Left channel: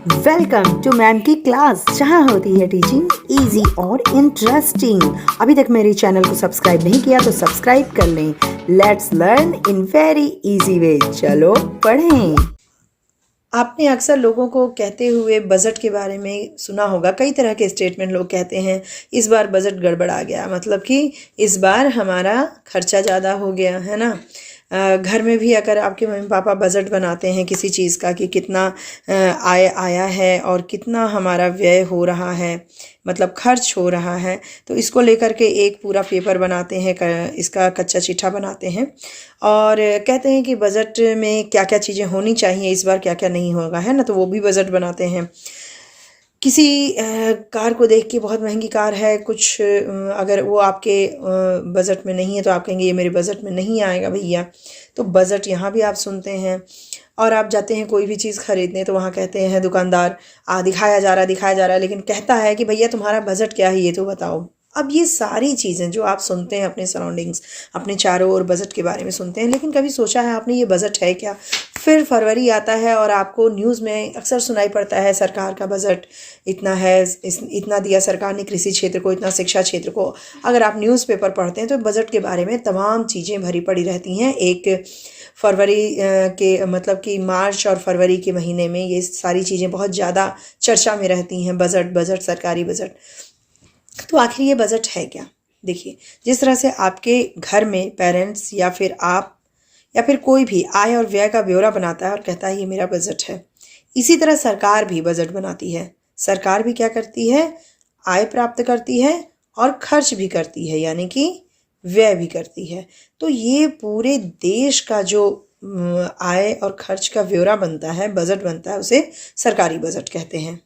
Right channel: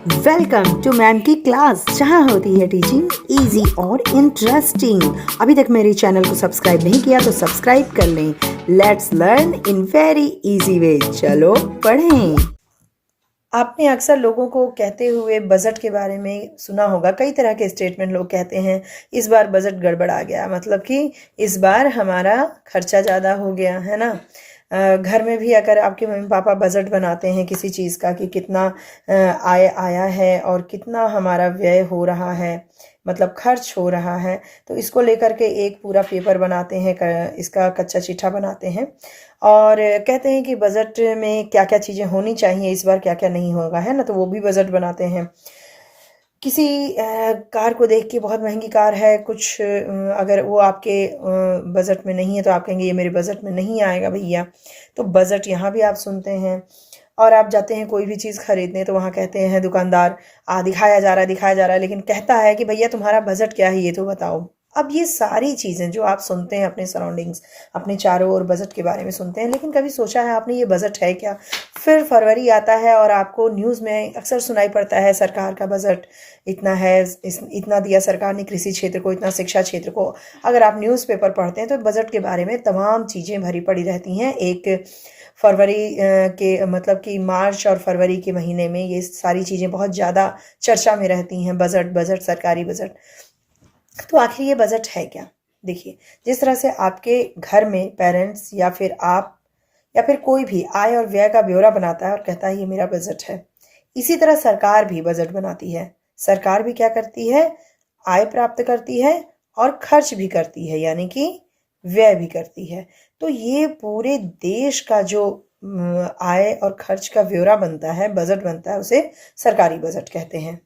Welcome to ma'am की class, जहाँ होती है टीचिंग इजी और इंटरेस्टिंग। अभी तक मेरे चैनल को सब्सक्राइब नहीं किया तो सब्सक्राइब कर लें। Let's learn in very easy way. चलो पढ़ें। आपने अक्सर लोगों को कहते हुए बजट के बारे में सुना होगा। कई तरह के स्टेटमेंट लोग कहते हैं, इस बार बजट गड़बड़ आ गया, मतलब कि इस बार हमारा खर्चा ज़्यादा हो गया है ना। घर में भी अगर आपके मम्मी पापा बजट बनाते हैं किसी चीज़ का कि कितना आय आया है और कितना हमारा व्यय हो रहा है, मतलब खर्च हो रहा है, तो इसको लेकर के एक पूरा पेपर बनाते हैं, इसका कच्चा चिट्ठा बनाते हैं और कहते हैं कि बजट में क्या क्या चीज़ें होनी चाहिए, इस बार क्या क्या नहीं होगा, है ना। तो वो भी बजट बनाते हैं। किसी कार को देख के, बहुत महंगी कार है कुछ, अगर वो आपके बजट में नहीं है तो आप कहेंगे ये मेरे बजट में नहीं आएगा भैया। तो बजट यहाँ भी आप सुनते हैं। और आप जाते हैं कोई भी चीज़ खरीदने तो वहाँ कहते हैं दुकानदार, दिखाया जा रहा है, लेकिन कहता है कि भैया तुम्हारा बजट क्या है ये तो बताओ। अब ये सारी चीज़ें जो आप सुनते हैं अपने सराउंडिंग्स, अपने चारों ओर बजट के बारे में सुनते हैं, लेकिन कभी सोचा है आपने ये बजट है क्या? फिर फरवरी आता है और आपको न्यूज़ में अक्सर सुनाई पड़ता है सरकार का बजट इतना है, इतना दिया सरकार ने कृषि क्षेत्र को, इतना शिक्षा क्षेत्र को। अगर आप न्यूज़पेपर पढ़ते हैं तो बजट के बारे में तमाम चीज़ें भरी पड़ी रहती हैं। एक फरवरी के मतलब कि मार्च और फरवरी के महीने में ये सारी चीज़ें बहुत ज़्यादा चर्चा में रहती हैं। बजट, सरकारी बजट। तो आखिर ये बजट है क्या? देखिए, जिस तरह से आपके घर में पेरेंट्स या फिर आप या फिर कोई भी आय और व्यय का ब्यौरा बनाता है और कहता है ये मेरा बजट है, इसी तरह सरकार भी बजट बनाती है। सरकार भी क्या करती है? आय प्राप्त करती है और खर्च भी करती है, यानी कि व्यय भी करती है। तो ये पूरे देश का जो आय और खर्च का ब्यौरा बनता है, बजट बनता है, उसे सरकारी बजट कहते हैं।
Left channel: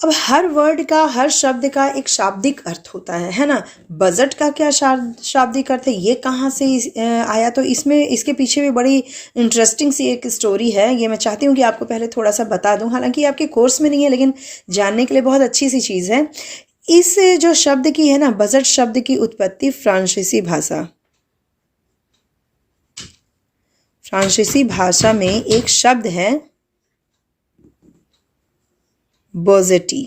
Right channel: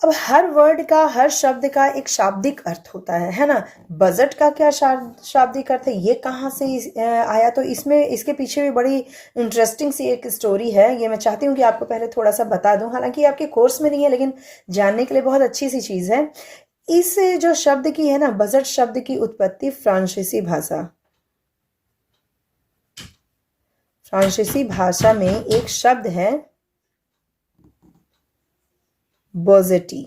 अब हर वर्ड का, हर शब्द का एक शाब्दिक अर्थ होता है ना। बजट का क्या शाब्दिक अर्थ है, ये कहाँ से आया? तो इसमें, इसके पीछे भी बड़ी इंटरेस्टिंग सी एक स्टोरी है। ये मैं चाहती हूँ कि आपको पहले थोड़ा सा बता दूँ, हालांकि आपके कोर्स में नहीं है, लेकिन जानने के लिए बहुत अच्छी सी चीज़ है। इस जो शब्द की है ना, बजट शब्द की उत्पत्ति फ्रांसीसी भाषा में एक शब्द है बोजेटी।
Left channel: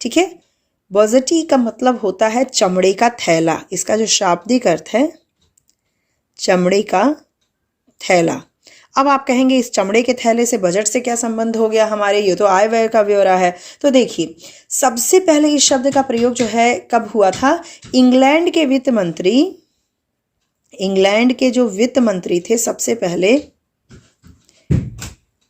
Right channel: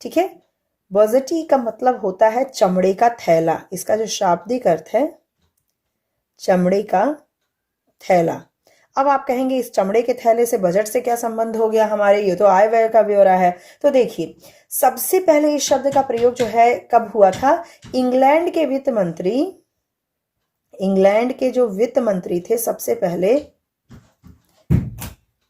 ठीक है, बोजेटी का मतलब होता है चमड़े का थैला। इसका जो शाब्दिक अर्थ है, चमड़े का थैला। अब आप कहेंगे इस चमड़े के थैले से बजट से क्या संबंध हो गया हमारे, ये तो आय व्यय का ब्यौरा है। तो देखिए, सबसे पहले इस शब्द का प्रयोग जो है कब हुआ था? इंग्लैंड के जो वित्त मंत्री थे, सबसे पहले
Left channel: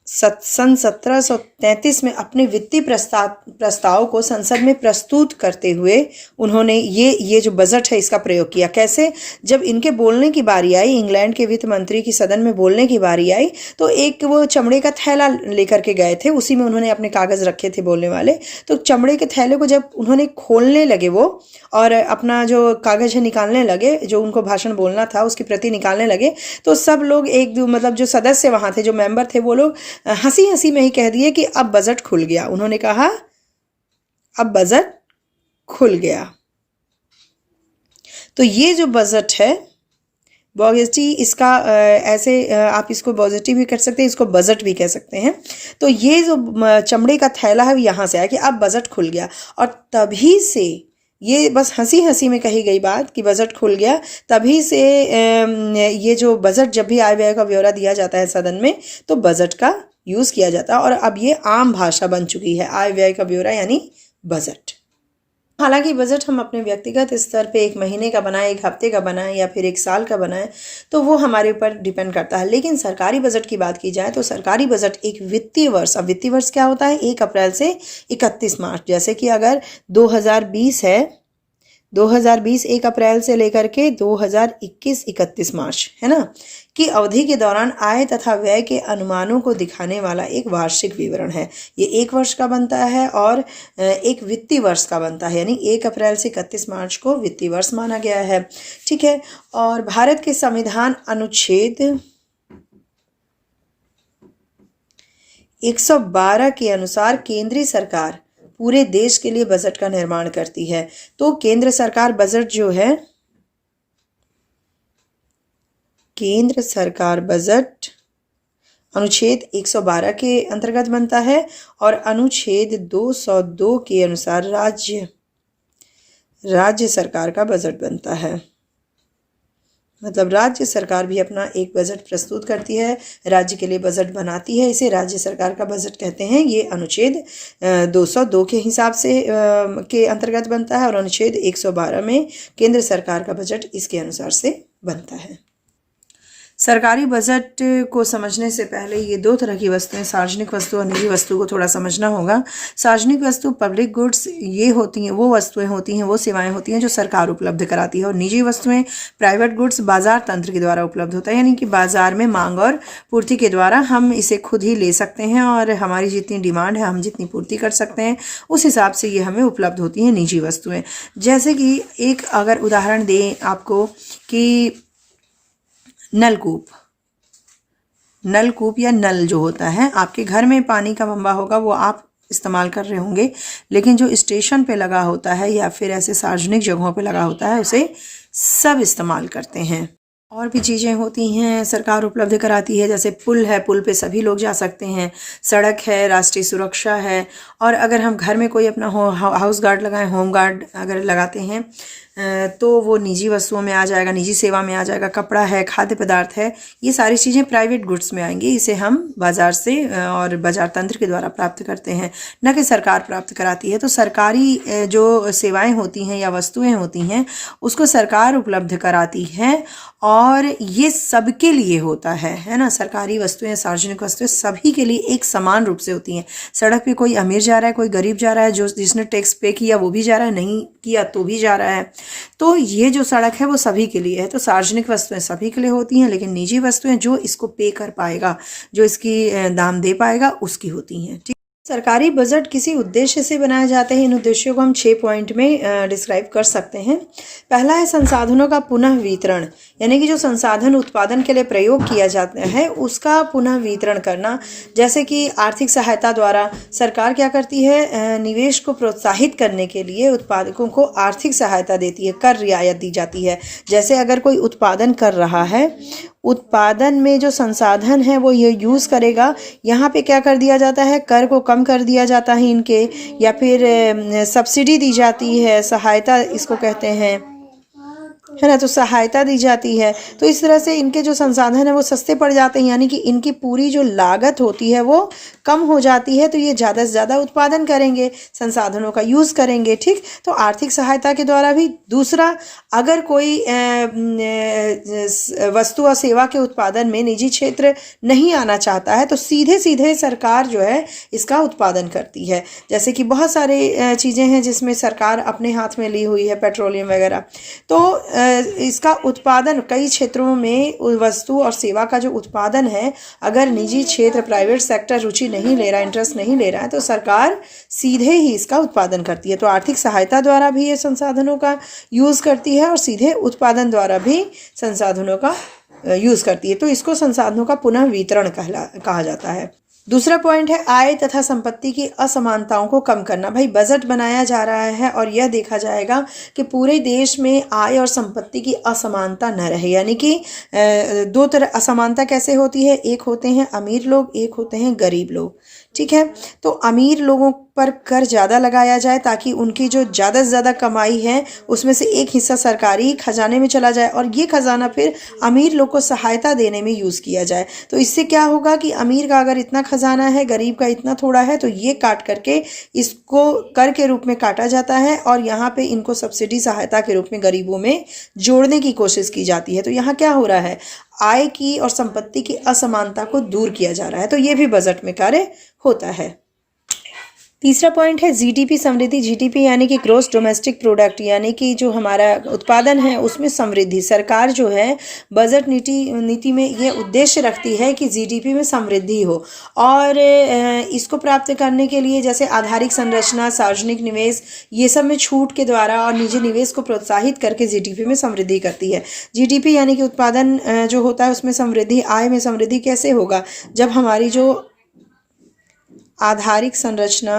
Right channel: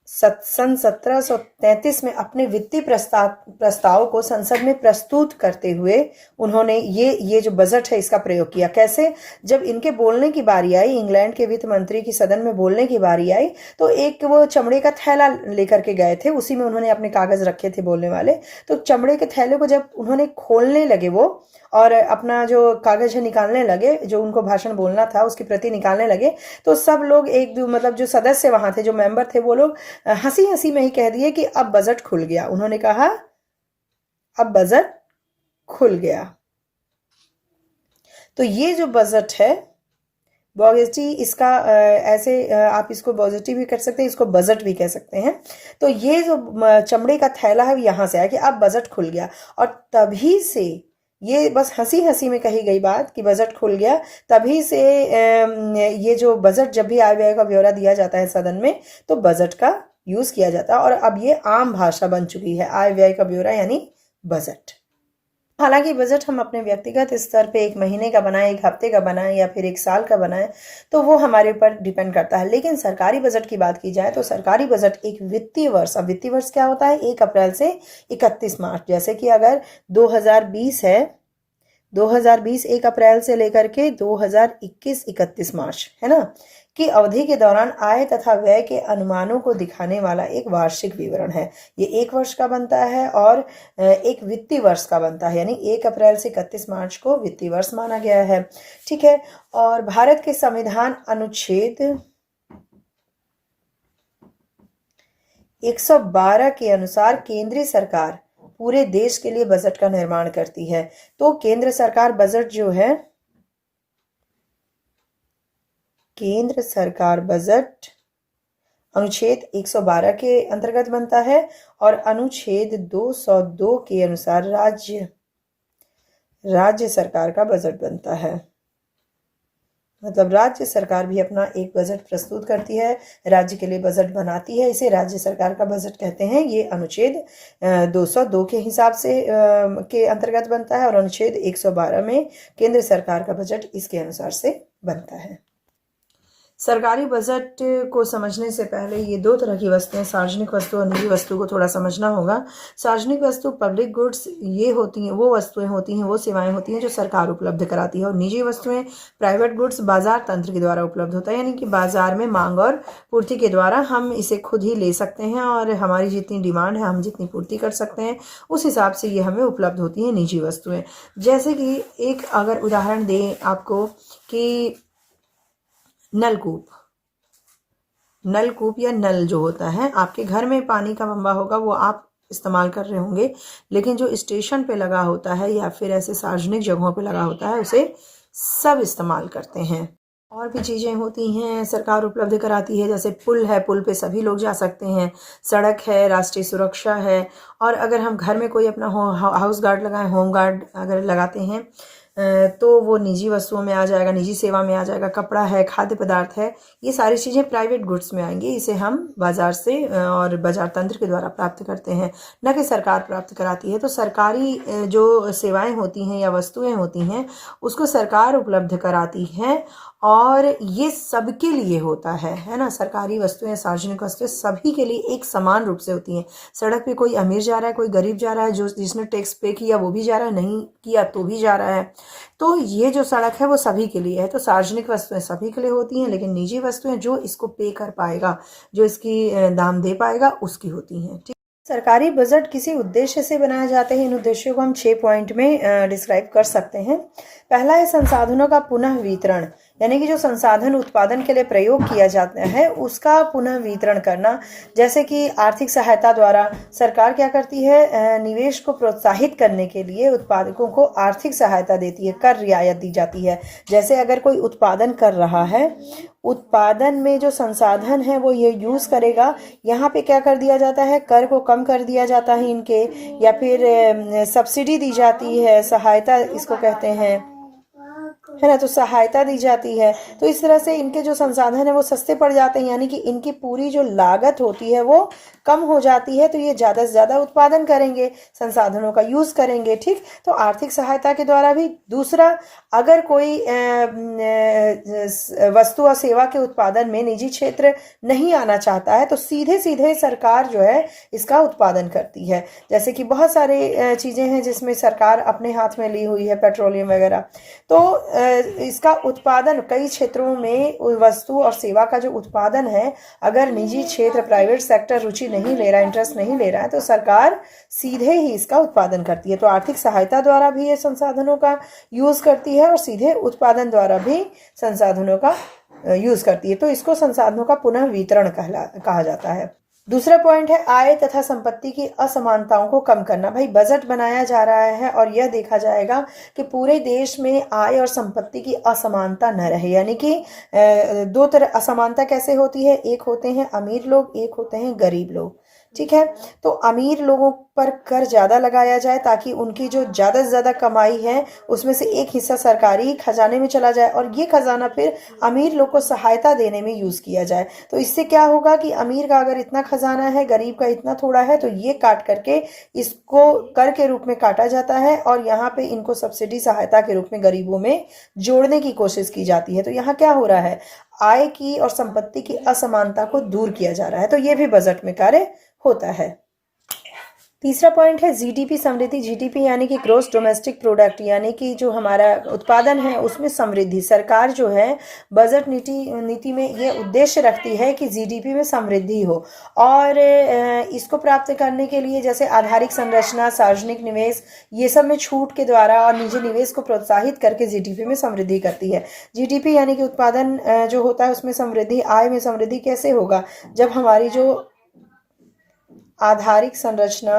सन 1733 में अपने वित्तीय प्रस्ताव को संसद में प्रस्तुत करते हुए उन्होंने ये जो बजट है इसका प्रयोग किया। कैसे? जब इनके बोलने की बारी आई, इंग्लैंड के वित्त मंत्री की सदन में बोलने की बारी आई, तो एक वो चमड़े का थैला लेकर के गए थे, उसी में उन्होंने अपने कागज रखे थे बोलने वाले। तो चमड़े के थैले को जब उन्होंने खोलने लगे वो, और अपना जो कागज है निकालने लगे, जो उनको भाषण बोलना था उसकी प्रति निकालने लगे, तो सब लोग मतलब जो सदस्य वहां थे, जो मेंबर थे, वो लोग हंसी हंसी में ही कह दिए कि अब बजट खुल गया। उन्होंने कहा अब बजट खुल गया। तो ये जो बजट है बॉजेटी, इसका ऐसे आप इसको बॉजेटी भी कर सकते हैं, इसको बजट भी कह सकते हैं। तो ये जो चमड़े का थैला है यहाँ से आया कि अब बजट खुल गया, और तभी से ये बस हंसी हंसी में कही गई बात कि बजट खुल गया, तभी से ये जो बजट, जब भी आय व्यय का ब्यौरा दिया जाता है सदन में, तो बजट का यूज़ किया जाता है। और अब ये आम भाषा बन चुकी है, आय व्यय का ब्यौरा यानी बजट। हालांकि बजट हम अपने व्यक्तिगत स्तर पे एक महीने का बनाएं, एक हफ्ते का बनाएं या फिर एक साल का बनाएं, तो वो हमारे ऊपर डिपेंड करता है। लेकिन सरकारी बजट की बात की जाए तो सरकारी बजट एक वित्तीय वर्ष, अब वित्तीय वर्ष क्या होता है? 1 अप्रैल से 31 मार्च। जैसे कि अगर 2020 है, 2020 1 अप्रैल से लेकर के 2021 31 मार्च, है ना, की अवधि के दौरान आय तथा व्यय के अनुमानों को दिखाने वाला एक वार्षिक विवरण है। ये 1 वर्ष का बनता है और एक वित्तीय वर्ष का बनता है, यानी 1 अप्रैल से 31 मार्च को वित्तीय वर्ष माना गया है। ठीक है, और भारत के संविधान अनुच्छेद 112 के अनुसार केंद्रीय सरकार पूरे देश के लिए बजट का निर्माण करती है। तो केंद्र सरकार बजट जो है, केंद्र सरकार बजट अनुच्छेद 112 के अंतर्गत बनता है और अनुच्छेद 202 के अनुसार राज्य सरकार का बजट बनता है। मतलब राज्य सरकार भी अपना एक बजट प्रस्तुत करती है, राज्य के लिए बजट बनाती है, इसे राज्य सरकार का बजट कहते हैं। ये अनुच्छेद 202 के हिसाब से के अंतर्गत बनता है और अनुच्छेद 112 में केंद्र सरकार का बजट इसके अनुसार से बनता है। सरकारी बजट को समझने से पहले ये दो तरह की वस्तुएं, सार्वजनिक वस्तु और निजी वस्तु को थोड़ा समझना होगा। सार्वजनिक वस्तु पब्लिक गुड्स ये होती हैं, वो वस्तुएं होती हैं, वो सेवाएं होती हैं जो सरकार उपलब्ध कराती है, और निजी वस्तुएं प्राइवेट गुड्स बाजार तंत्र के द्वारा उपलब्ध होता है, यानी कि बाजार में मांग और पूर्ति के द्वारा हम इसे खुद ही ले सकते हैं और हमारी जितनी डिमांड है हम जितनी पूर्ति कर सकते हैं उस हिसाब से ये हमें उपलब्ध होती हैं निजी वस्तुएं। जैसे कि एक अगर उदाहरण दें आपको कि नलकूप या नल जो होता है, आपके घर में पानी का बम्बा होगा वो आप इस्तेमाल कर रहे होंगे, लेकिन जो स्टेशन पे लगा होता है या फिर ऐसे सार्वजनिक जगहों पे लगा होता है उसे सब इस्तेमाल करते हैं। और भी चीज़ें होती हैं सरकार उपलब्ध कराती है, जैसे पुल है, पुल पे सभी लोग जा सकते हैं, सड़क है, राष्ट्रीय सुरक्षा है, और अगर हम घर में कोई अपना हाउस गार्ड लगाएं, होम गार्ड अगर लगाते हैं तो वो निजी वस्तुओं में आ जाएगा, निजी सेवा में आ जाएगा। कपड़ा है, खाद्य पदार्थ है, ये सारी चीज़ें प्राइवेट गुड्स में आएंगी। इसे हम बाजार से और बाजार तंत्र के द्वारा प्राप्त करते हैं, न कि सरकार प्राप्त कराती है। तो सरकारी जो सेवाएं होती हैं या वस्तुएं होती हैं उसको सरकार उपलब्ध कराती है और ये सबके लिए होता है ना। सरकारी वस्तुएं, सार्वजनिक वस्तुएं सभी के लिए एक समान रूप से होती हैं। सड़क पे कोई अमीर जा रहा है, कोई गरीब जा रहा है, जिसने टैक्स पे किया वो भी जा रहा है, नहीं किया तो भी जा रहा है। तो ये जो सड़क है वो सभी के लिए है। तो सार्वजनिक वस्तुएं सभी के लिए होती हैं, लेकिन निजी वस्तुएं जो इसको पे कर पाएगा, जो इसकी दाम दे पाएगा, उसकी होती हैं। ठीक, सरकारी बजट किसी उद्देश्य से बनाए जाते हैं। इन उद्देश्यों को हम 6 पॉइंट में डिस्क्राइब कर सकते हैं। पहला है संसाधनों का पुनः वितरण, यानी कि जो संसाधन उत्पादन के लिए प्रयोग किया जाता है उसका पुनः वितरण करना। जैसे कि आर्थिक सहायता द्वारा सरकार क्या करती है, निवेश को प्रोत्साहित करने के लिए उत्पादकों को आर्थिक सहायता देती है, कर रियायत दी जाती है। जैसे अगर कोई उत्पादन कर रहा है, उत्पादन में जो संसाधन है वो ये यूज़ करेगा, यहाँ पे क्या कर दिया जाता है, कर को कम कर दिया जाता है इनके, या फिर सब्सिडी दी जाती है, सहायता इसको कहते हैं, है ना। तो सहायता दी जाती है, तो इस तरह से इनके जो संसाधन है वो सस्ते पड़ जाते हैं, यानी कि इनकी पूरी जो लागत होती है वो कम हो जाती है। तो ये ज़्यादा से ज़्यादा उत्पादन करेंगे, संसाधनों का यूज़ करेंगे। ठीक, तो आर्थिक सहायता के द्वारा भी। दूसरा, अगर कोई वस्तु और सेवा के उत्पादन में निजी क्षेत्र नहीं आना चाहता है तो सीधे सीधे सरकार जो है इसका उत्पादन करती है। जैसे कि बहुत सारे चीज़ें हैं जिसमें सरकार अपने हाथ में ली हुई है, पेट्रोलियम वगैरह। तो इसका उत्पादन कई क्षेत्रों में वस्तु और सेवा का जो उत्पादन है, अगर निजी क्षेत्र, प्राइवेट सेक्टर रुचि नहीं ले रहा, इंटरेस्ट नहीं ले रहा है, तो सरकार सीधे ही इसका उत्पादन करती है। तो आर्थिक सहायता द्वारा भी ये संसाधनों का यूज़ करती है और सीधे उत्पादन द्वारा भी संसाधनों का यूज़ करती है। तो इसको संसाधनों का पुनः वितरण कहा जाता है। दूसरा पॉइंट है आय तथा संपत्ति की असमानताओं को कम करना। भाई बजट बनाया जा रहा है और यह देखा जाएगा कि पूरे देश में आय और संपत्ति की असमानता न रहे, यानी कि दो तरह असमानता कैसे होती है, एक होते हैं अमीर लोग, एक होते हैं गरीब लोग। ठीक है, तो अमीर लोगों पर कर ज़्यादा लगाया जाए ताकि उनकी जो ज़्यादा से ज़्यादा कमाई है उसमें से एक हिस्सा सरकारी खजाने में चला जाए और ये खजाना फिर अमीर लोग को सहायता देने में यूज़ किया जाए। तो इससे क्या होगा कि अमीर का अगर इतना खजाना है, गरीब का इतना थोड़ा है, तो ये काट करके इसको कर के रूप में काटा जाता है और यहाँ पे इनको सब्सिडी सहायता के रूप में गरीबों में जोड़ने की कोशिश की जाती है। तो यहाँ क्या हो रहा है, आय की और संपत्ति की असमानता को दूर किया जा रहा है। तो ये भी बजट में कार्य होता है। तीसरा पॉइंट है जीडीपी समृद्धि। जीडीपी यानी कि ग्रोस डोमेस्टिक प्रोडक्ट, यानी कि जो हमारा उत्पादन है उसमें समृद्धि। सरकार जो है बजट नीति में ये उद्देश्य रखती है कि जीडीपी में समृद्धि हो और इसको प्राप्त करने के लिए जैसे आधारिक संरचना, सार्वजनिक निवेश, ये सब में छूट के द्वारा और निजी निवेश को प्रोत्साहित करके जीडीपी में समृद्धि करती है। जीडीपी यानी कि उत्पादन जो होता है उसमें समृद्धि, आय में समृद्धि कैसे होगा, जब हमारी जो आधारिक संरचना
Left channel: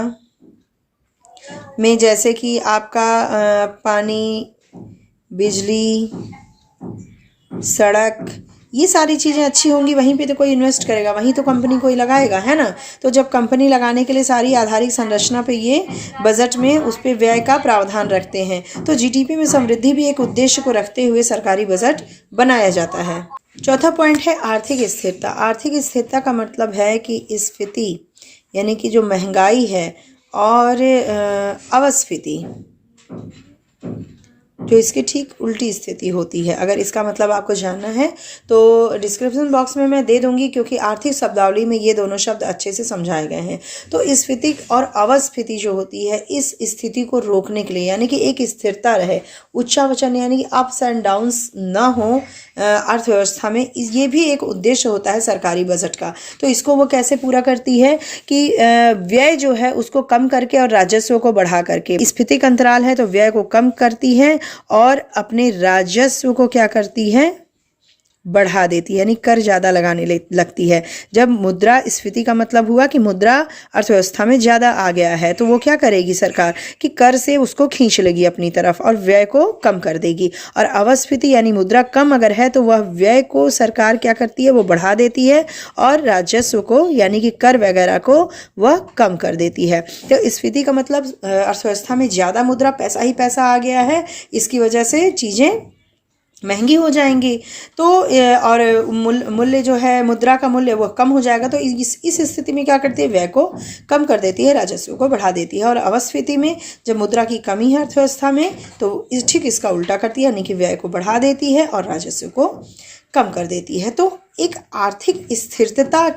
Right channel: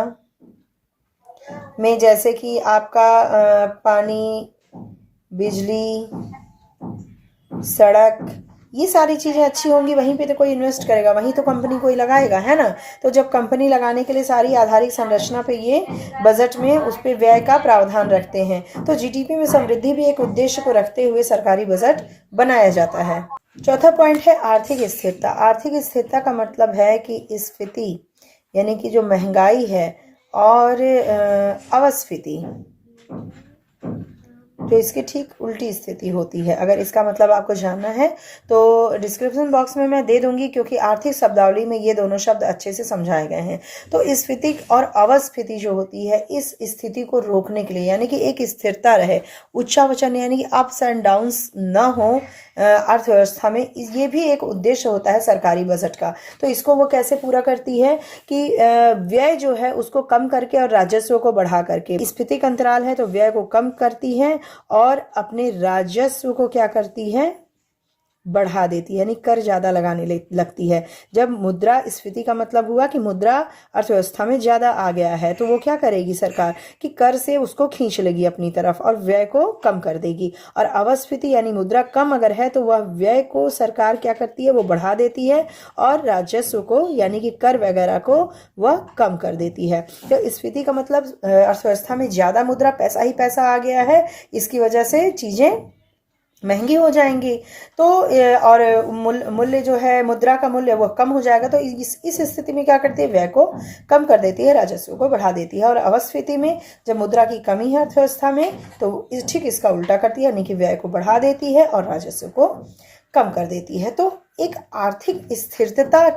में जैसे कि आपका पानी, बिजली, सड़क, ये सारी चीज़ें अच्छी होंगी, वहीं पे तो कोई इन्वेस्ट करेगा, वहीं तो कंपनी कोई लगाएगा, है ना। तो जब कंपनी लगाने के लिए सारी आधारिक संरचना पे ये बजट में उस पर व्यय का प्रावधान रखते हैं। तो जीडीपी में समृद्धि भी एक उद्देश्य को रखते हुए सरकारी बजट बनाया जाता है। चौथा पॉइंट है आर्थिक स्थिरता। आर्थिक स्थिरता का मतलब है कि स्फीति यानी कि जो महंगाई है और अपस्फीति जो इसकी ठीक उल्टी स्थिति होती है। अगर इसका मतलब आपको जानना है तो डिस्क्रिप्शन बॉक्स में मैं दे दूंगी, क्योंकि आर्थिक शब्दावली में ये दोनों शब्द अच्छे से समझाए गए हैं। तो स्फीति और अवस्फीति जो होती है, इस स्थिति को रोकने के लिए यानी कि एक स्थिरता रहे, उच्चावचन यानी कि अप्स एंड डाउन्स ना हो अर्थव्यवस्था में, ये भी एक उद्देश्य होता है सरकारी बजट का। तो इसको वो कैसे पूरा करती है कि व्यय जो है उसको कम करके और राजस्व को बढ़ा करके। स्फीतिक अंतराल है तो व्यय को कम करती है और अपने राजस्व को क्या करती है, बढ़ा देती है, यानी कर ज़्यादा लगाने लगती है। जब मुद्रा स्फीति का मतलब हुआ कि मुद्रा अर्थव्यवस्था में ज़्यादा आ गया है, तो वो क्या करेगी सरकार कि कर से उसको खींच लेगी अपनी तरफ और व्यय को कम कर देगी। और अवस्फीति यानी मुद्रा कम अगर है तो वह व्यय को सरकार क्या करती है, वो बढ़ा देती है और राजस्व को यानी कि कर वगैरह को वह कम कर देती है। तो स्फीति का मतलब अर्थव्यवस्था में ज़्यादा मुद्रा, पैसा ही पैसा आ गया है, इसकी वजह से चीज़ें महंगी हो जाएंगी। तो और मूल्य जो है, मुद्रा का मूल्य वह कम हो जाएगा। तो इस स्थिति में क्या करती है, व्यय को कम कर देती है, राजस्व को बढ़ा देती है। और अवस्फीति में जब मुद्रा की कमी है अर्थव्यवस्था में तो ठीक इसका उल्टा करती है, यानी कि व्यय को बढ़ा देती है और राजस्व को कम कर देती है। तो एक आर्थिक स्थिरता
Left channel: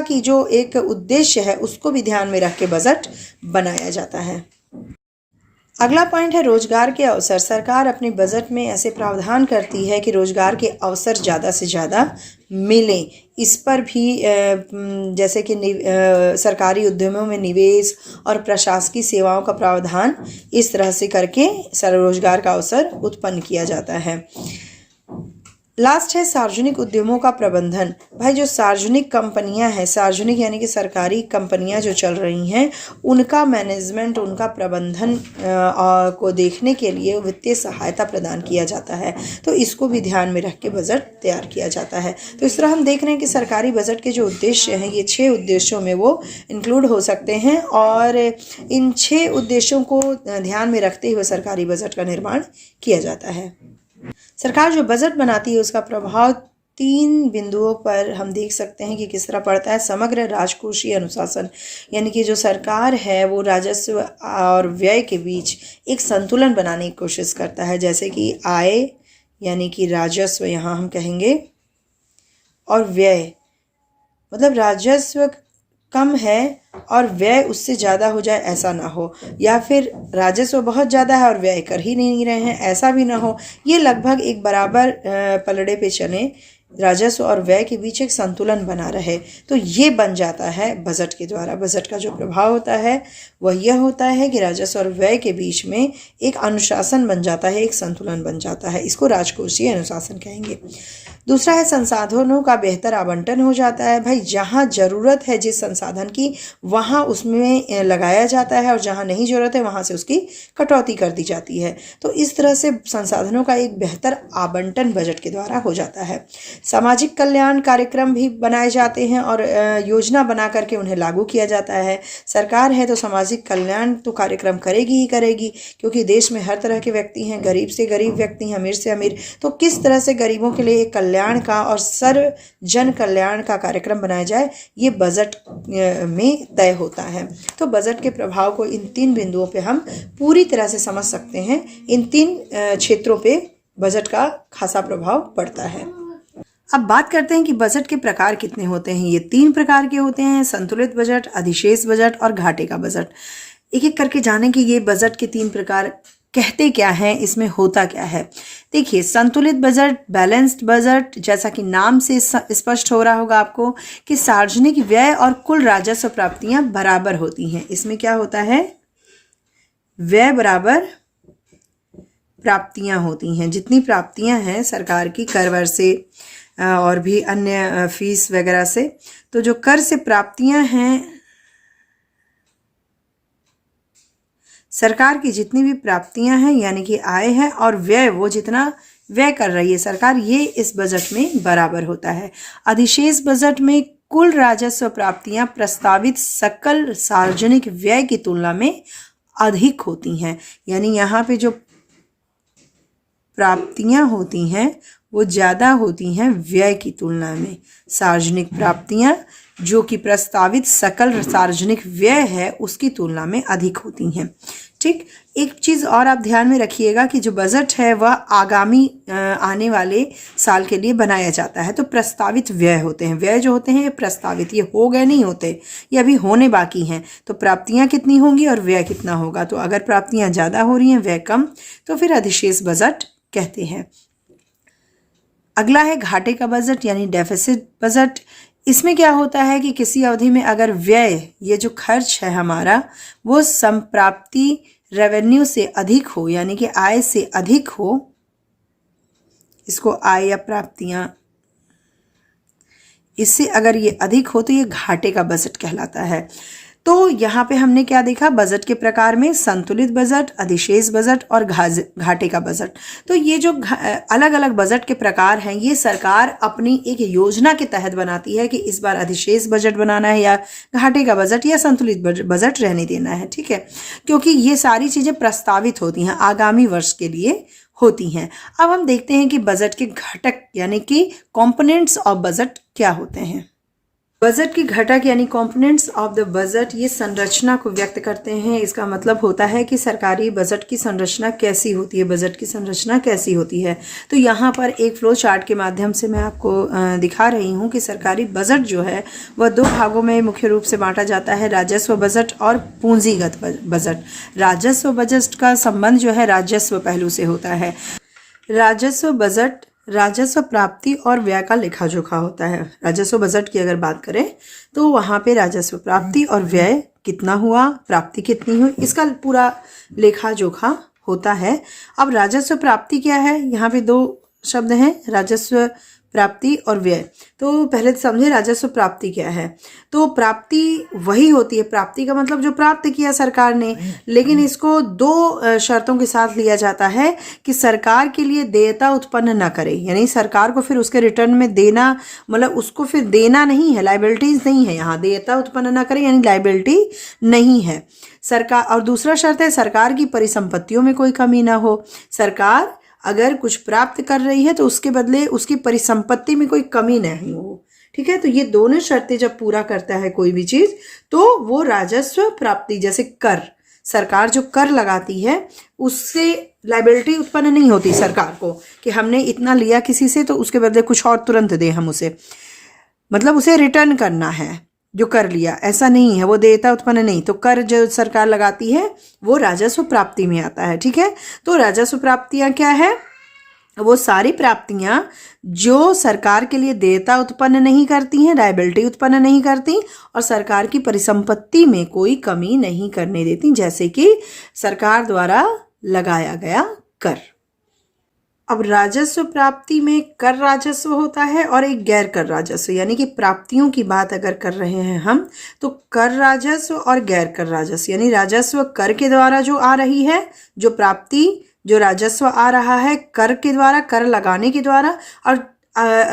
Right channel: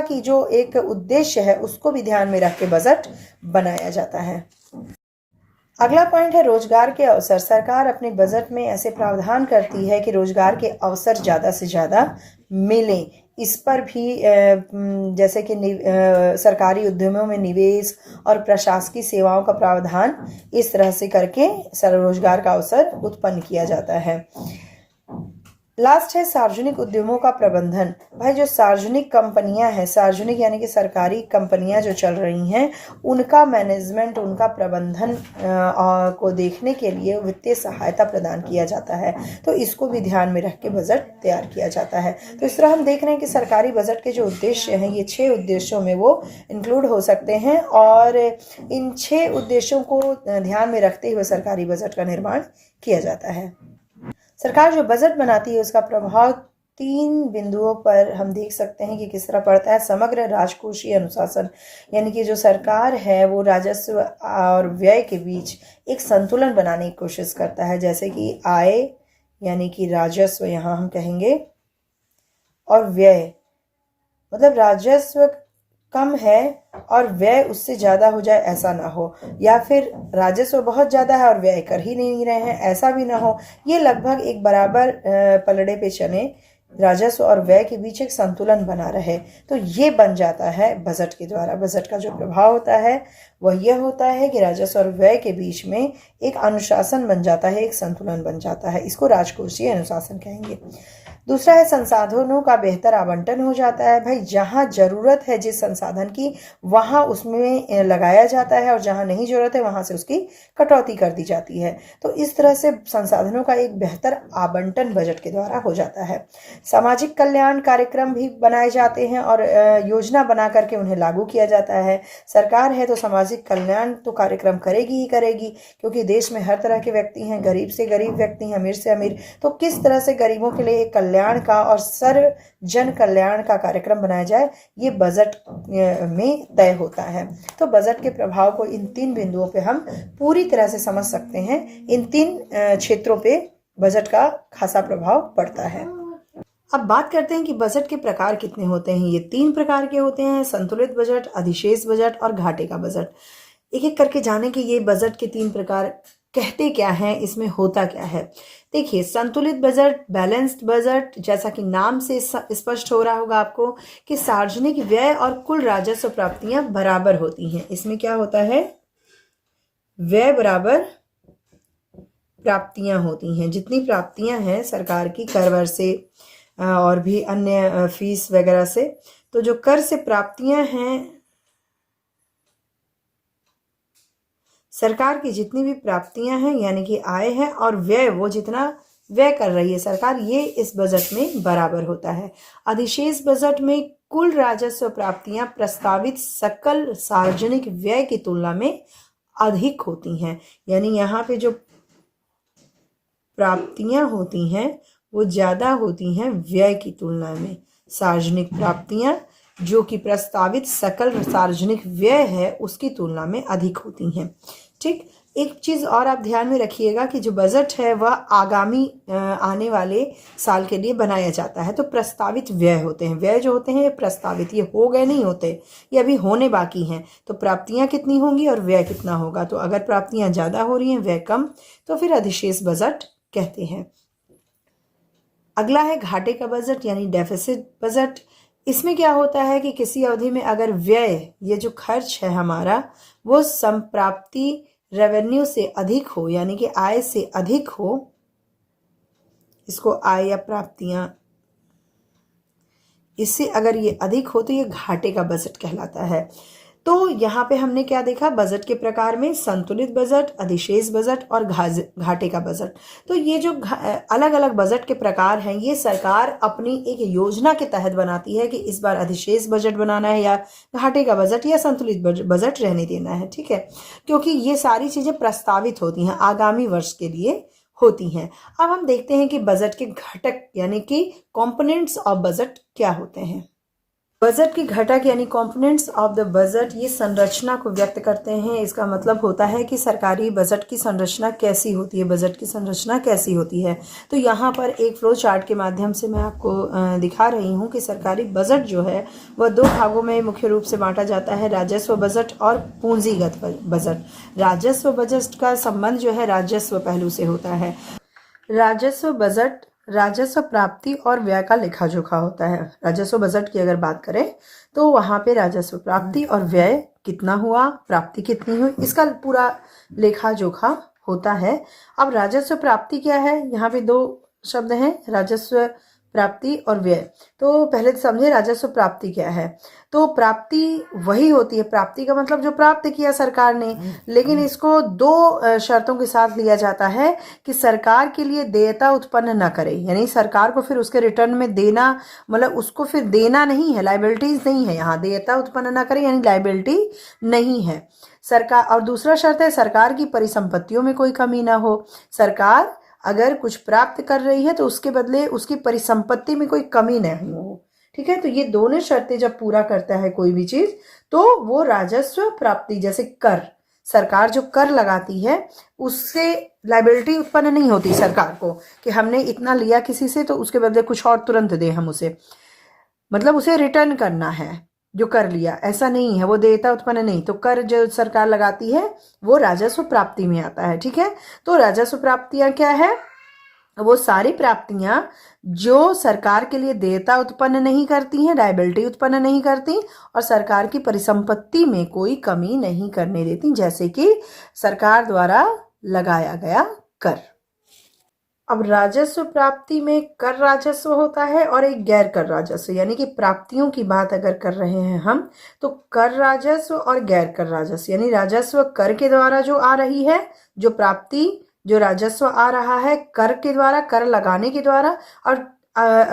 की जो एक उद्देश्य है उसको भी ध्यान में रख के बजट बनाया जाता है। अगला पॉइंट है रोजगार के अवसर। सरकार अपने बजट में ऐसे प्रावधान करती है कि रोजगार के अवसर ज़्यादा से ज़्यादा मिलें। इस पर भी जैसे कि सरकारी उद्यमों में निवेश और प्रशासकीय सेवाओं का प्रावधान इस तरह से करके रोजगार का अवसर उत्पन्न किया जाता है। लास्ट है सार्वजनिक उद्यमों का प्रबंधन। भाई जो सार्वजनिक कंपनियां हैं, सार्वजनिक यानी कि सरकारी कंपनियां जो चल रही हैं, उनका मैनेजमेंट, उनका प्रबंधन को देखने के लिए वित्तीय सहायता प्रदान किया जाता है। तो इसको भी ध्यान में रख के बजट तैयार किया जाता है। तो इस तरह हम देख रहे हैं कि सरकारी बजट के जो उद्देश्य हैं, ये 6 उद्देश्यों में वो इंक्लूड हो सकते हैं और इन 6 उद्देश्यों को ध्यान में रखते हुए सरकारी बजट का निर्माण किया जाता है। सरकार जो बजट बनाती है उसका प्रभाव 3 बिंदुओं पर हम देख सकते हैं कि किस तरह पड़ता है। समग्र राजकोषीय अनुशासन, यानी कि जो सरकार है वो राजस्व और व्यय के बीच एक संतुलन बनाने की कोशिश करता है। जैसे कि आय यानी कि राजस्व यहाँ हम कहेंगे, और व्यय मतलब राजस्व कम है और व्यय उससे ज़्यादा हो जाए ऐसा ना हो, या फिर राजस्व बहुत ज़्यादा है और व्यय कर ही नहीं रहे हैं ऐसा भी ना हो। ये लगभग एक बराबर पलड़े पे चले, राजस्व और व्यय के बीच एक संतुलन बना रहे। तो ये बन जाता है बजट के द्वारा। बजट का जो प्रभाव होता है वह यह होता है कि राजस्व और व्यय के बीच में एक अनुशासन बन जाता है, एक संतुलन बन जाता है। इसको राजकोषीय अनुशासन कहेंगे। दूसरा है संसाधनों का बेहतर आवंटन हो जाता है। भाई जहाँ ज़रूरत है जिस संसाधन की वहाँ उसमें लगाया जाता है और जहाँ नहीं ज़रूरत है वहाँ से उसकी कटौती कर दी जाती है। तो इस तरह से संसाधनों का एक बेहतर आवंटन बजट के द्वारा हो जाता है। सामाजिक कल्याण कार्यक्रम भी बनाए जाते हैं और योजना बना करके उन्हें लागू किया जाता है। सरकार है तो सामाजिक कल्याण तो कार्यक्रम करेगी ही करेगी, क्योंकि देश में हर तरह के व्यक्ति हैं, गरीब से गरीब व्यक्ति हैं, अमीर से अमीर। तो किस तरह से गरीबों के लिए एक कल्याण का और सर्व जन कल्याण का कार्यक्रम बनाया जाए, ये बजट में तय होता है। तो बजट के प्रभाव को इन 3 बिंदुओं पे हम पूरी तरह से समझ सकते हैं। इन 3 क्षेत्रों पे बजट का खासा प्रभाव पड़ता है। अब बात करते हैं कि बजट के प्रकार कितने होते हैं। ये 3 प्रकार के होते हैं: संतुलित बजट, अधिशेष बजट और घाटे का बजट। एक एक करके जानें कि ये बजट के 3 प्रकार कहते क्या हैं, इसमें होता क्या है। देखिए, संतुलित बजट, बैलेंस्ड बजट, जैसा कि नाम से स्पष्ट हो रहा होगा आपको कि सार्वजनिक व्यय और कुल राजस्व प्राप्तियां बराबर होती हैं। इसमें क्या होता है, व्यय बराबर प्राप्तियां होती हैं। जितनी प्राप्तियां हैं सरकार की कर वर से और भी अन्य फीस वगैरह से, तो जो कर से प्राप्तियां हैं, सरकार की जितनी भी प्राप्तियां हैं यानी कि आय है, और व्यय वो जितना व्यय कर रही है सरकार, ये इस बजट में बराबर होता है। अधिशेष बजट में कुल राजस्व प्राप्तियां प्रस्तावित सकल सार्वजनिक व्यय की तुलना में अधिक होती हैं। यानी यहाँ पे जो प्राप्तियां होती हैं वो ज़्यादा होती हैं व्यय की तुलना में। सार्वजनिक प्राप्तियां जो कि प्रस्तावित सकल सार्वजनिक व्यय है उसकी तुलना में अधिक होती हैं। ठीक, एक चीज़ और आप ध्यान में रखिएगा कि जो बजट है वह आगामी आने वाले साल के लिए बनाया जाता है। तो प्रस्तावित व्यय होते हैं, व्यय जो होते हैं ये प्रस्तावित, ये हो गए नहीं होते, ये अभी होने बाकी हैं। तो प्राप्तियां कितनी होंगी और व्यय कितना होगा। तो अगर प्राप्तियां ज़्यादा हो रही हैं व्यय कम, तो फिर अधिशेष बजट कहते हैं। अगला है घाटे का बजट यानी डेफिसिट बजट। इसमें क्या होता है कि किसी अवधि में अगर व्यय, ये जो खर्च है हमारा, वो संप्राप्ति रेवेन्यू से अधिक हो, यानी कि आय से अधिक हो, इसको आय या प्राप्तियां, इससे अगर ये अधिक हो तो ये घाटे का बजट कहलाता है। तो यहाँ पे हमने क्या देखा, बजट के प्रकार में संतुलित बजट, अधिशेष बजट और घाटे का बजट। तो ये जो अलग अलग बजट के प्रकार हैं ये सरकार अपनी एक योजना के तहत बनाती है कि इस बार अधिशेष बजट बनाना है या घाटे का बजट या संतुलित बजट रहने देना है। ठीक है, क्योंकि ये सारी चीज़ें प्रस्तावित होती हैं, आगामी वर्ष के लिए होती हैं। अब हम देखते हैं कि बजट के घटक यानी कि कंपोनेंट्स ऑफ बजट क्या होते हैं। बजट के घटक यानी कंपोनेंट्स ऑफ द बजट ये संरचना को व्यक्त करते हैं। इसका मतलब होता है कि सरकारी बजट की संरचना कैसी होती है, बजट की संरचना कैसी होती है। तो यहाँ पर एक फ्लो चार्ट के माध्यम से मैं आपको दिखा रही हूँ कि सरकारी बजट जो है वह दो भागों में मुख्य रूप से बांटा जाता है, राजस्व बजट और पूंजीगत बजट। राजस्व बजट का संबंध जो है राजस्व पहलू से होता है। राजस्व बजट राजस्व प्राप्ति और व्यय का लेखा जोखा होता है। राजस्व बजट की अगर बात करें तो वहाँ पे राजस्व प्राप्ति और व्यय कितना हुआ, प्राप्ति कितनी हुई, इसका पूरा लेखा जोखा होता है। अब राजस्व प्राप्ति क्या है, यहाँ पे दो शब्द हैं, राजस्व प्राप्ति और व्यय। तो पहले समझे राजस्व प्राप्ति क्या है। तो प्राप्ति वही होती है, प्राप्ति का मतलब जो प्राप्त किया सरकार ने, लेकिन इसको दो शर्तों के साथ लिया जाता है कि सरकार के लिए देयता उत्पन्न न करे, यानी सरकार को फिर उसके रिटर्न में देना, मतलब उसको फिर देना नहीं है, लाइबिलिटीज नहीं है, यहाँ देयता उत्पन्न न करे यानी लाइबिलिटी नहीं है सरकार। और दूसरा शर्त है सरकार की परिसंपत्तियों में कोई कमी ना हो। सरकार अगर कुछ प्राप्त कर रही है तो उसके बदले उसकी परिसंपत्ति में कोई कमी नहीं हो। ठीक है, तो ये दोनों शर्तें जब पूरा करता है कोई भी चीज तो वो राजस्व प्राप्ति, जैसे कर, सरकार जो कर लगाती है उससे लाइबिलिटी उत्पन्न नहीं होती सरकार को कि हमने इतना लिया किसी से तो उसके बदले कुछ और तुरंत दे हम उसे, मतलब उसे रिटर्न करना है जो कर लिया, ऐसा नहीं है, वो देयता उत्पन्न नहीं। तो कर जो सरकार लगाती है वो राजस्व प्राप्ति में आता है। ठीक है, तो राजस्व प्राप्तियां क्या है, वो सारी प्राप्तियां जो सरकार के लिए देयता उत्पन्न नहीं करती हैं, लायबिलिटी उत्पन्न नहीं करती और सरकार की परिसंपत्ति में कोई कमी नहीं करने देती, जैसे कि सरकार द्वारा लगाया गया कर। अब राजस्व प्राप्ति में कर राजस्व होता है और एक गैर कर राजस्व, यानी कि प्राप्तियों की बात अगर कर रहे हैं हम तो कर राजस्व और गैर कर राजस्व, यानी राजस्व कर के द्वारा जो आ रही है, जो प्राप्ति जो राजस्व आ रहा है कर के द्वारा, कर लगाने के द्वारा, और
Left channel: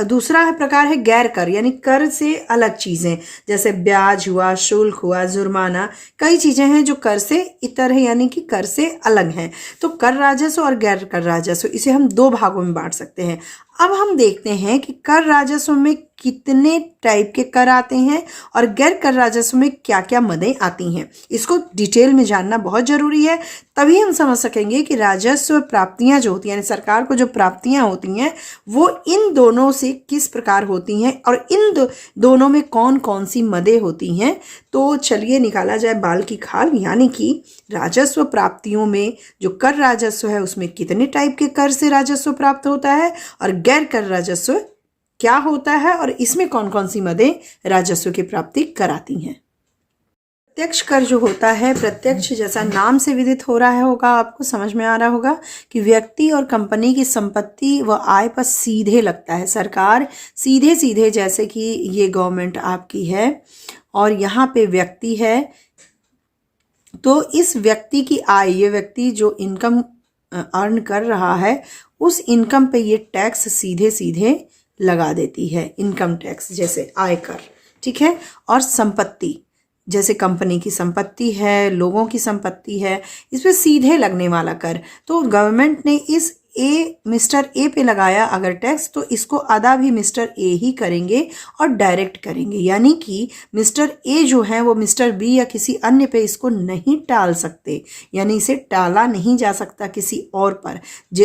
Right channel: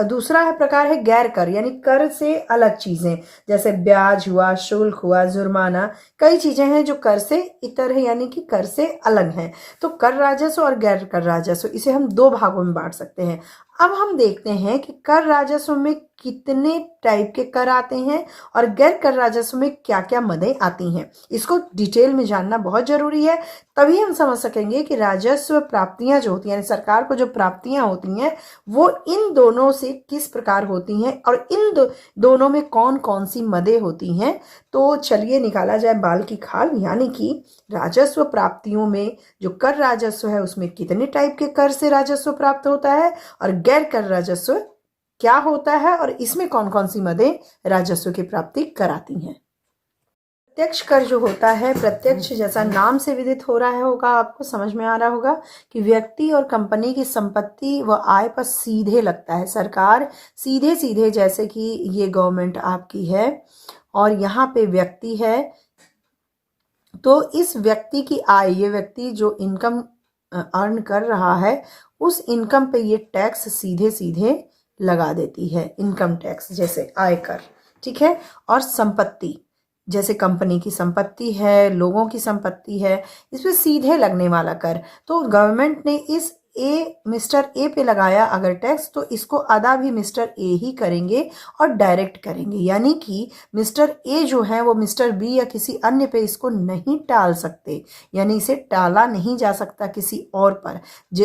दूसरा प्रकार है गैर कर, यानी कर से अलग चीजें, जैसे ब्याज हुआ, शुल्क हुआ, जुर्माना, कई चीजें हैं जो कर से इतर है, यानी कि कर से अलग हैं। तो कर राजस्व और गैर कर राजस्व, इसे हम दो भागों में बांट सकते हैं। अब हम देखते हैं कि कर राजस्व में कितने टाइप के कर आते हैं और गैर कर राजस्व में क्या क्या मदें आती हैं, इसको डिटेल में जानना बहुत जरूरी है। तभी हम समझ सकेंगे कि राजस्व प्राप्तियां जो होती हैं, सरकार को जो प्राप्तियां होती हैं वो इन दोनों से किस प्रकार होती हैं और इन दोनों में कौन कौन सी मदें होती हैं। तो चलिए निकाला जाए बाल की खाल, यानी कि राजस्व प्राप्तियों में जो कर राजस्व है उसमें कितने टाइप के कर से राजस्व प्राप्त होता है और गैर कर राजस्व क्या होता है और इसमें कौन कौन सी मदें राजस्व की प्राप्ति कराती हैं। प्रत्यक्ष कर जो होता है, प्रत्यक्ष जैसा नाम से विदित हो रहा होगा, आपको समझ में आ रहा होगा कि व्यक्ति और कंपनी की संपत्ति व आय पर सीधे लगता है। सरकार सीधे सीधे, जैसे कि ये गवर्नमेंट आपकी है और यहाँ पे व्यक्ति है, तो इस व्यक्ति की आय, ये व्यक्ति जो इनकम अर्न कर रहा है उस इनकम पे ये टैक्स सीधे सीधे लगा देती है। इनकम टैक्स जैसे आयकर, ठीक है, और संपत्ति जैसे कंपनी की संपत्ति है, लोगों की संपत्ति है, इस पे सीधे लगने वाला कर। तो गवर्नमेंट ने इस मिस्टर ए पे लगाया अगर टैक्स, तो इसको अदा भी मिस्टर ए ही करेंगे और डायरेक्ट करेंगे। यानी कि मिस्टर ए जो है वो मिस्टर बी या किसी अन्य पे इसको नहीं टाल सकते, यानी इसे टाला नहीं जा सकता किसी और पर।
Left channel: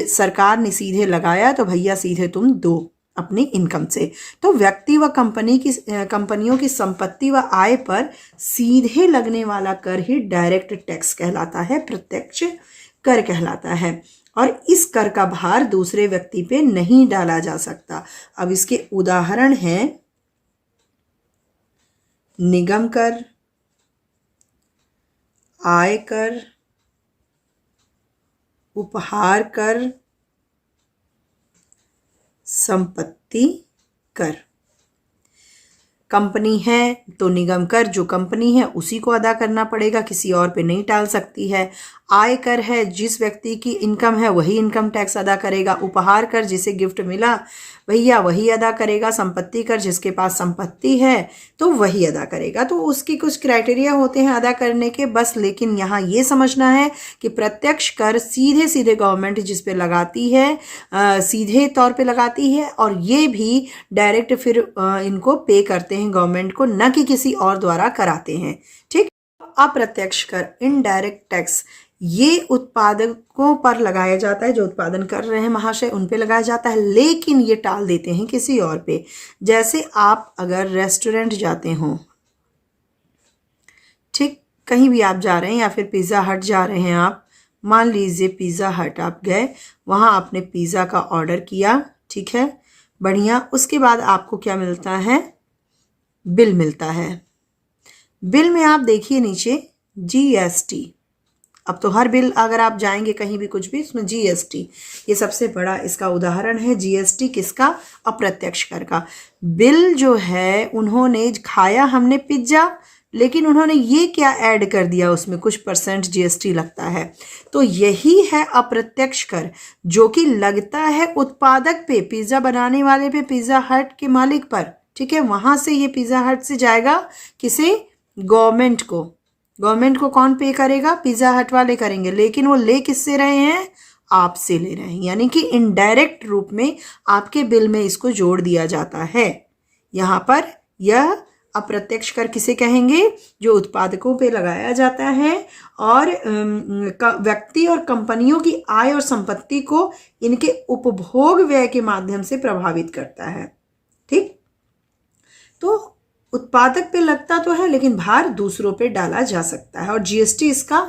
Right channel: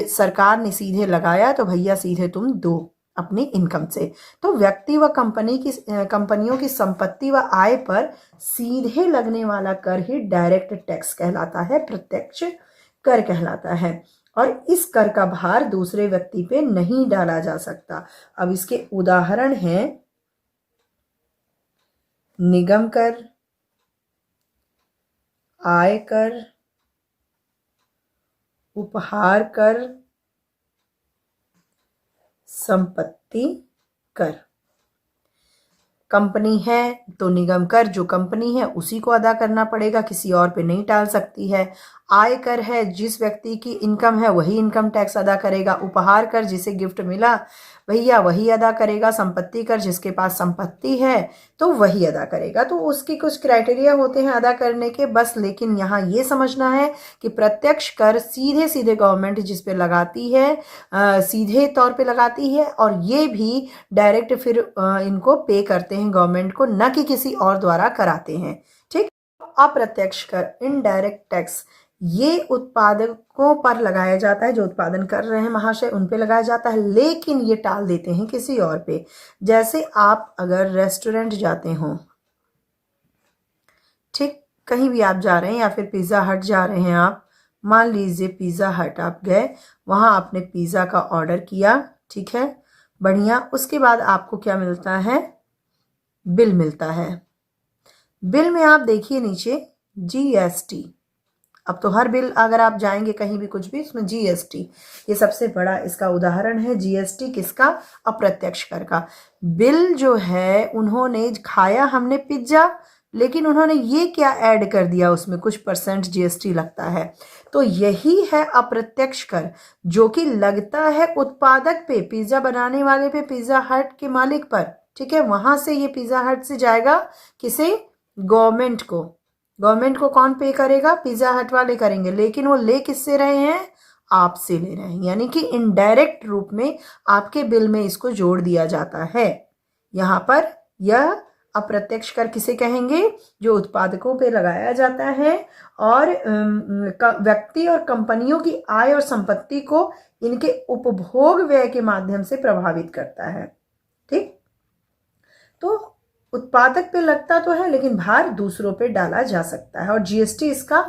सरकार ने सीधे लगाया तो भैया सीधे तुम दो अपनी इनकम से। तो व्यक्ति व कंपनियों की संपत्ति व आय पर सीधे लगने वाला कर ही डायरेक्ट टैक्स कहलाता है, प्रत्यक्ष कर कहलाता है। और इस कर का भार दूसरे व्यक्ति पे नहीं डाला जा सकता। अब इसके उदाहरण हैं निगम कर, आयकर, उपहार कर, संपत्ति कर। कंपनी है तो निगम कर जो कंपनी है उसी को अदा करना पड़ेगा, किसी और पे नहीं टाल सकती है। आयकर है, जिस व्यक्ति की इनकम है वही इनकम टैक्स अदा करेगा। उपहार कर, जिसे गिफ्ट मिला भैया वही अदा करेगा। संपत्ति कर, जिसके पास संपत्ति है तो वही अदा करेगा। तो उसकी कुछ क्राइटेरिया होते हैं अदा करने के बस। लेकिन यहाँ ये समझना है कि प्रत्यक्ष कर सीधे सीधे गवर्नमेंट जिस पे लगाती है, सीधे तौर पे लगाती है, और ये भी डायरेक्ट फिर इनको पे करते हैं गवर्नमेंट को, न कि किसी और द्वारा कराते हैं। ठीक। अप्रत्यक्ष कर, इनडायरेक्ट टैक्स, ये उत्पादकों पर लगाया जाता है, जो उत्पादन कर रहे हैं महाशय उन पे लगाया जाता है, लेकिन ये टाल देते हैं किसी और पे। जैसे आप अगर रेस्टोरेंट जाते हो, ठीक, कहीं भी आप जा रहे हैं या फिर पिज़्ज़ा हट जा रहे हैं आप, मान लीजिए पिज़्ज़ा हट आप गए, वहाँ आपने पिज़्ज़ा का ऑर्डर किया, ठीक है, बढ़िया। उसके बाद आपको क्या मिलता है? बिल मिलता है। बिल में आप देखिए नीचे GST। अब तो हर बिल अगर आप जाएंगे कहीं भी कुछ भी, उसमें GST, ये सबसे बड़ा इसका उदाहरण है। GST किसका? अप्रत्यक्ष कर का। बिल जो है, उन्होंने खाया हमने पिज्जा, लेकिन उन्होंने ये क्या ऐड कर दिया, उसमें कुछ % GST लगता है। तो यही है अप्रत्यक्ष कर, जो कि लगता है उत्पादक पे, पिज्जा बनाने वाले पे, पिज्जा हट के मालिक पर, ठीक है। वहां से ये पिज्जा हट से जाएगा किसे? गवर्नमेंट को। गवर्नमेंट को कौन पे करेगा? पिज्जा हट वाले करेंगे, लेकिन वो ले किससे रहे हैं? आपसे ले रहे हैं। यानी कि इनडायरेक्ट रूप में आपके बिल में इसको जोड़ दिया जाता है। यहाँ पर यह अप्रत्यक्ष कर किसे कहेंगे? जो उत्पादकों पे लगाया जाता है और व्यक्ति और कंपनियों की आय और संपत्ति को इनके उपभोग व्यय के माध्यम से प्रभावित करता है। ठीक। तो उत्पादक पे लगता तो है, लेकिन भार दूसरों पे डाला जा सकता है, और GST इसका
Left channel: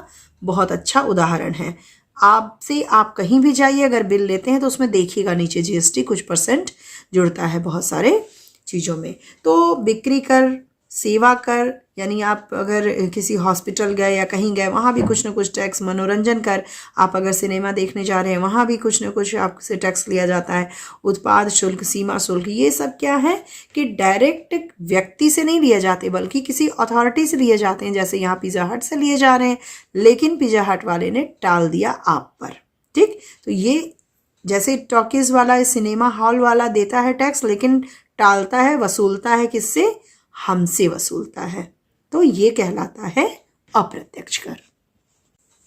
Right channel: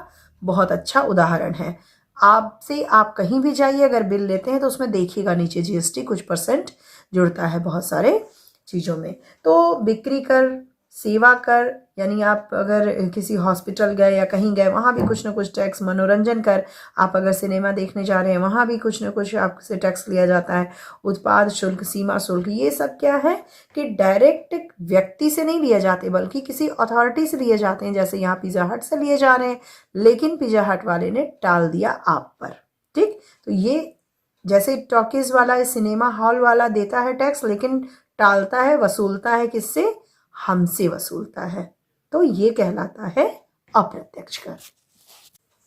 बहुत अच्छा उदाहरण है। आपसे आप कहीं भी जाइए, अगर बिल लेते हैं तो उसमें देखिएगा नीचे GST कुछ % जुड़ता है बहुत सारे चीज़ों में। तो बिक्री कर, सेवा कर, यानी आप अगर किसी हॉस्पिटल गए या कहीं गए वहाँ भी कुछ ना कुछ टैक्स। मनोरंजन कर, आप अगर सिनेमा देखने जा रहे हैं वहाँ भी कुछ ना कुछ आपसे टैक्स लिया जाता है। उत्पाद शुल्क, सीमा शुल्क, ये सब क्या है कि डायरेक्ट व्यक्ति से नहीं लिए जाते, बल्कि किसी अथॉरिटी से लिए जाते हैं। जैसे यहाँ पिज़्ज़ा हट से लिए जा रहे हैं, लेकिन पिज़्ज़ा हट वाले ने टाल दिया आप पर। ठीक। तो ये जैसे टॉकीज वाला, सिनेमा हॉल वाला देता है टैक्स, लेकिन टालता है, वसूलता है किससे? हमसे वसूलता है। तो ये कहलाता है अप्रत्यक्ष कर।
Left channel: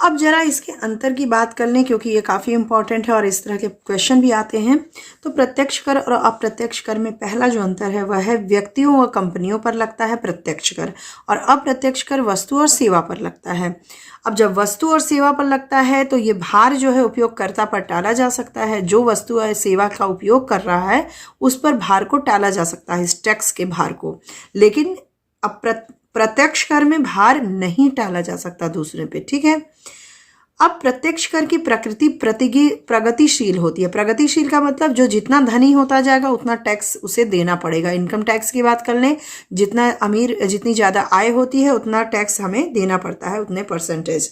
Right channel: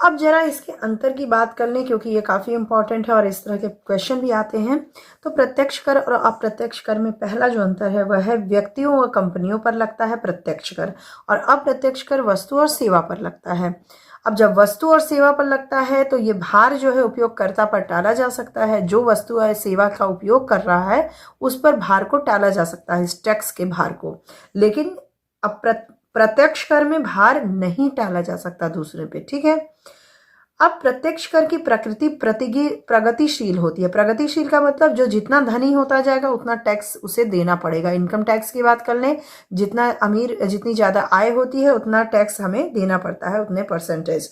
अब जरा इसके अंतर की बात कर लें, क्योंकि ये काफ़ी इंपॉर्टेंट है और इस तरह के क्वेश्चन भी आते हैं। तो प्रत्यक्ष कर और अप्रत्यक्ष कर में पहला जो अंतर है वह है व्यक्तियों व कंपनियों पर लगता है प्रत्यक्ष कर, और अप्रत्यक्ष कर वस्तु और सेवा पर लगता है। अब जब वस्तु और सेवा पर लगता है तो ये भार जो है उपयोगकर्ता पर टाला जा सकता है। जो वस्तु या सेवा का उपयोग कर रहा है उस पर भार को टाला जा सकता है, इस टैक्स के भार को। लेकिन प्रत्यक्ष कर में भार नहीं टाला जा सकता दूसरे पे। ठीक है। अब प्रत्यक्ष कर की प्रकृति प्रगतिशील होती है। प्रगतिशील का मतलब जो जितना धनी होता जाएगा उतना टैक्स उसे देना पड़ेगा। इनकम टैक्स की बात कर लें, जितना अमीर, जितनी ज़्यादा आय होती है उतना टैक्स हमें देना पड़ता है, उतने %।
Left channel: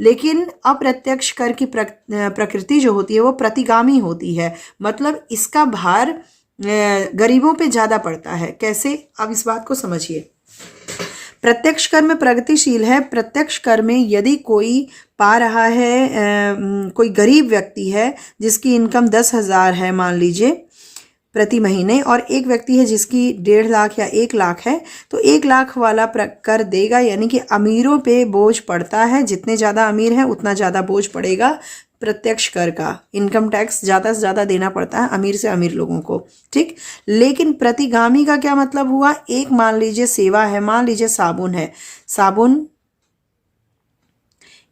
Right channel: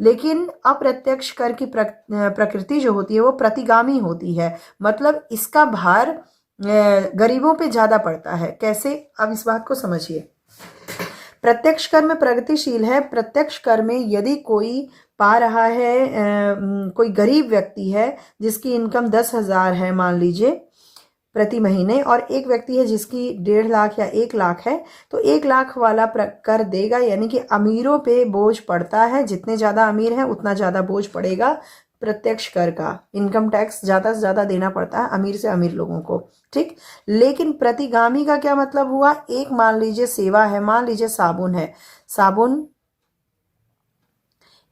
लेकिन अप्रत्यक्ष कर की प्रकृति जो होती है वो प्रतिगामी होती है, मतलब इसका भार गरीबों पे ज़्यादा पड़ता है। कैसे? अब इस बात को समझिए। प्रत्यक्ष कर में प्रगतिशील है। प्रत्यक्ष कर में यदि कोई पा रहा है, कोई गरीब व्यक्ति है जिसकी इनकम 10,000 है मान लीजिए प्रति महीने, और एक व्यक्ति है जिसकी 1.5 लाख या 1 लाख है, तो 1 लाख वाला कर देगा, यानी कि अमीरों पे बोझ पड़ता है। जितने ज़्यादा अमीर हैं उतना ज़्यादा बोझ पड़ेगा प्रत्यक्ष कर का। इनकम टैक्स ज़्यादा से ज़्यादा देना पड़ता है अमीर से अमीर लोगों को, ठीक। लेकिन प्रतिगामी का क्या मतलब हुआ? एक मान लीजिए सेवा है, मान लीजिए साबुन है, साबुन,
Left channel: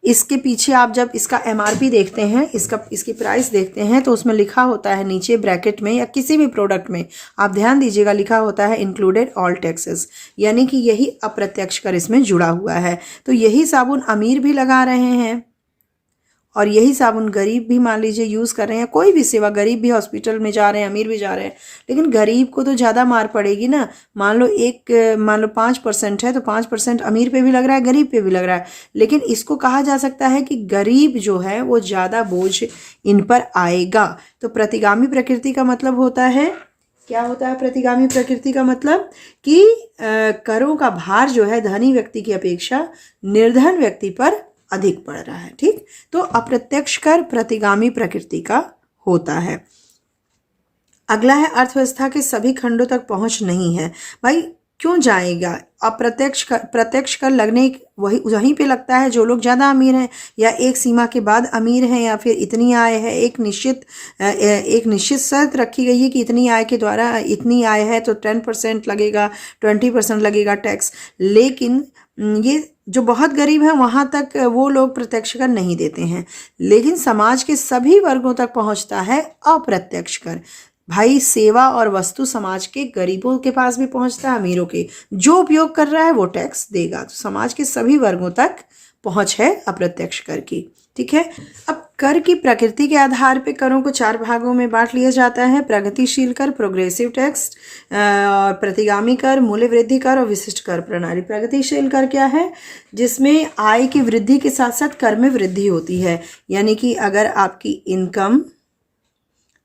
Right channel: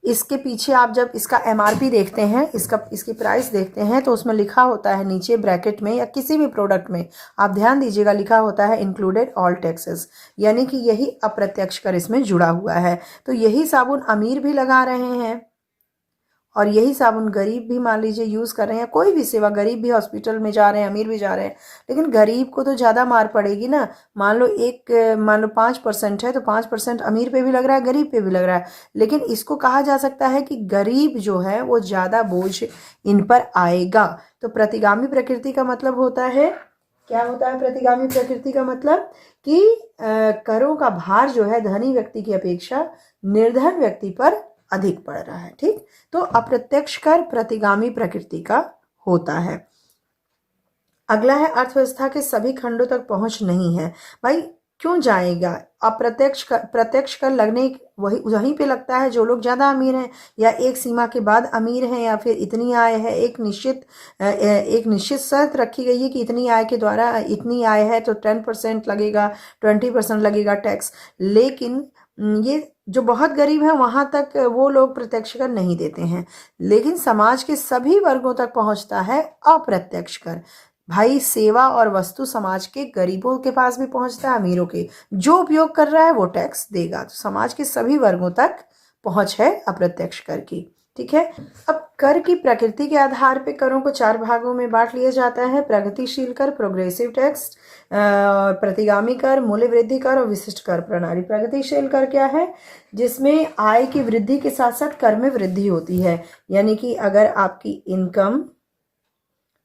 इसके पीछे आप जब इसका एमआरपी देखते हैं, इसकी प्राइस देखते हैं, तो उसमें लिखा होता है नीचे ब्रैकेट में या किसी भी प्रोडक्ट में आप ध्यान दीजिएगा, लिखा होता है इंक्लूडेड ऑल टैक्सेस, यानी कि यही अप्रत्यक्ष कर इसमें जुड़ा हुआ है। तो यही साबुन अमीर भी लगा रहे हैं और यही साबुन गरीब भी मान लीजिए यूज़ कर रहे हैं। कोई भी सेवा, गरीब भी हॉस्पिटल में जा रहे हैं, अमीर भी जा रहे हैं, लेकिन गरीब को तो ज़्यादा मार पड़ेगी ना। मान लो 5% है तो 5% अमीर पे भी लग रहा है, गरीब पे भी लग रहा है, लेकिन इसको कहा जा सकता है कि गरीब जो है वो ज़्यादा बोझ इन पर आएगा। तो प्रतिगामी प्रकृति का मतलब होता है, क्या होता है प्रतिगामी प्रकृति का मतलब? कि करों का भार जो है धनी व्यक्ति की अपेक्षा निर्धन व्यक्ति पर अधिक पड़ रहा है, ठीक। तो अप्रत्यक्ष कर प्रतिगामी प्रकृति का होता है। अगला है अर्थव्यवस्था के सभी खंडों तक पहुंच नहीं है। भाई क्यों जाएगा? प्रत्यक्ष कर लगने वहीं पे लगता है जो लोग ज़्यादा अमीर हैं या एक सीमा के बाद अमीर हैं, या फिर इतनी आय है, एक निश्चित शर्त रखी गई है कि इतनी आय के द्वारा इतनी आय है तो 10% लगेगा, 20% लगेगा टैक्स। लेकिन ये जो बहुत गरीब हैं वहाँ तक वो लोग प्रत्यक्ष कर नहीं देते हैं, लेकिन समाज के सभी वर्गों तक पहुँचता है अप्रत्यक्ष कर। भाई सेवा और वस्तु समाज के गरीबों के पास भी पहुँचता है, अमीरों के, जो उपयोग कर रहा है वो टैक्स देगा। तो समाज के सभी वर्गों तक पहुँच है अप्रत्यक्ष कर की, ठीक है। अब कर की प्रकृति के आधार पे करों को 4 भागों में बांट लिया जाता है: प्रगतिशील कर, प्रोग्रेसिव टैक्स, प्रतिगामी कर, मूल्य वृद्धि कर और विशिष्ट कर प्रणाली। प्रगतिशील कर क्या है? जिसमें आय की वृद्धि के साथ साथ कर में वृद्धि होती है, यानी कि अगर आपकी इनकम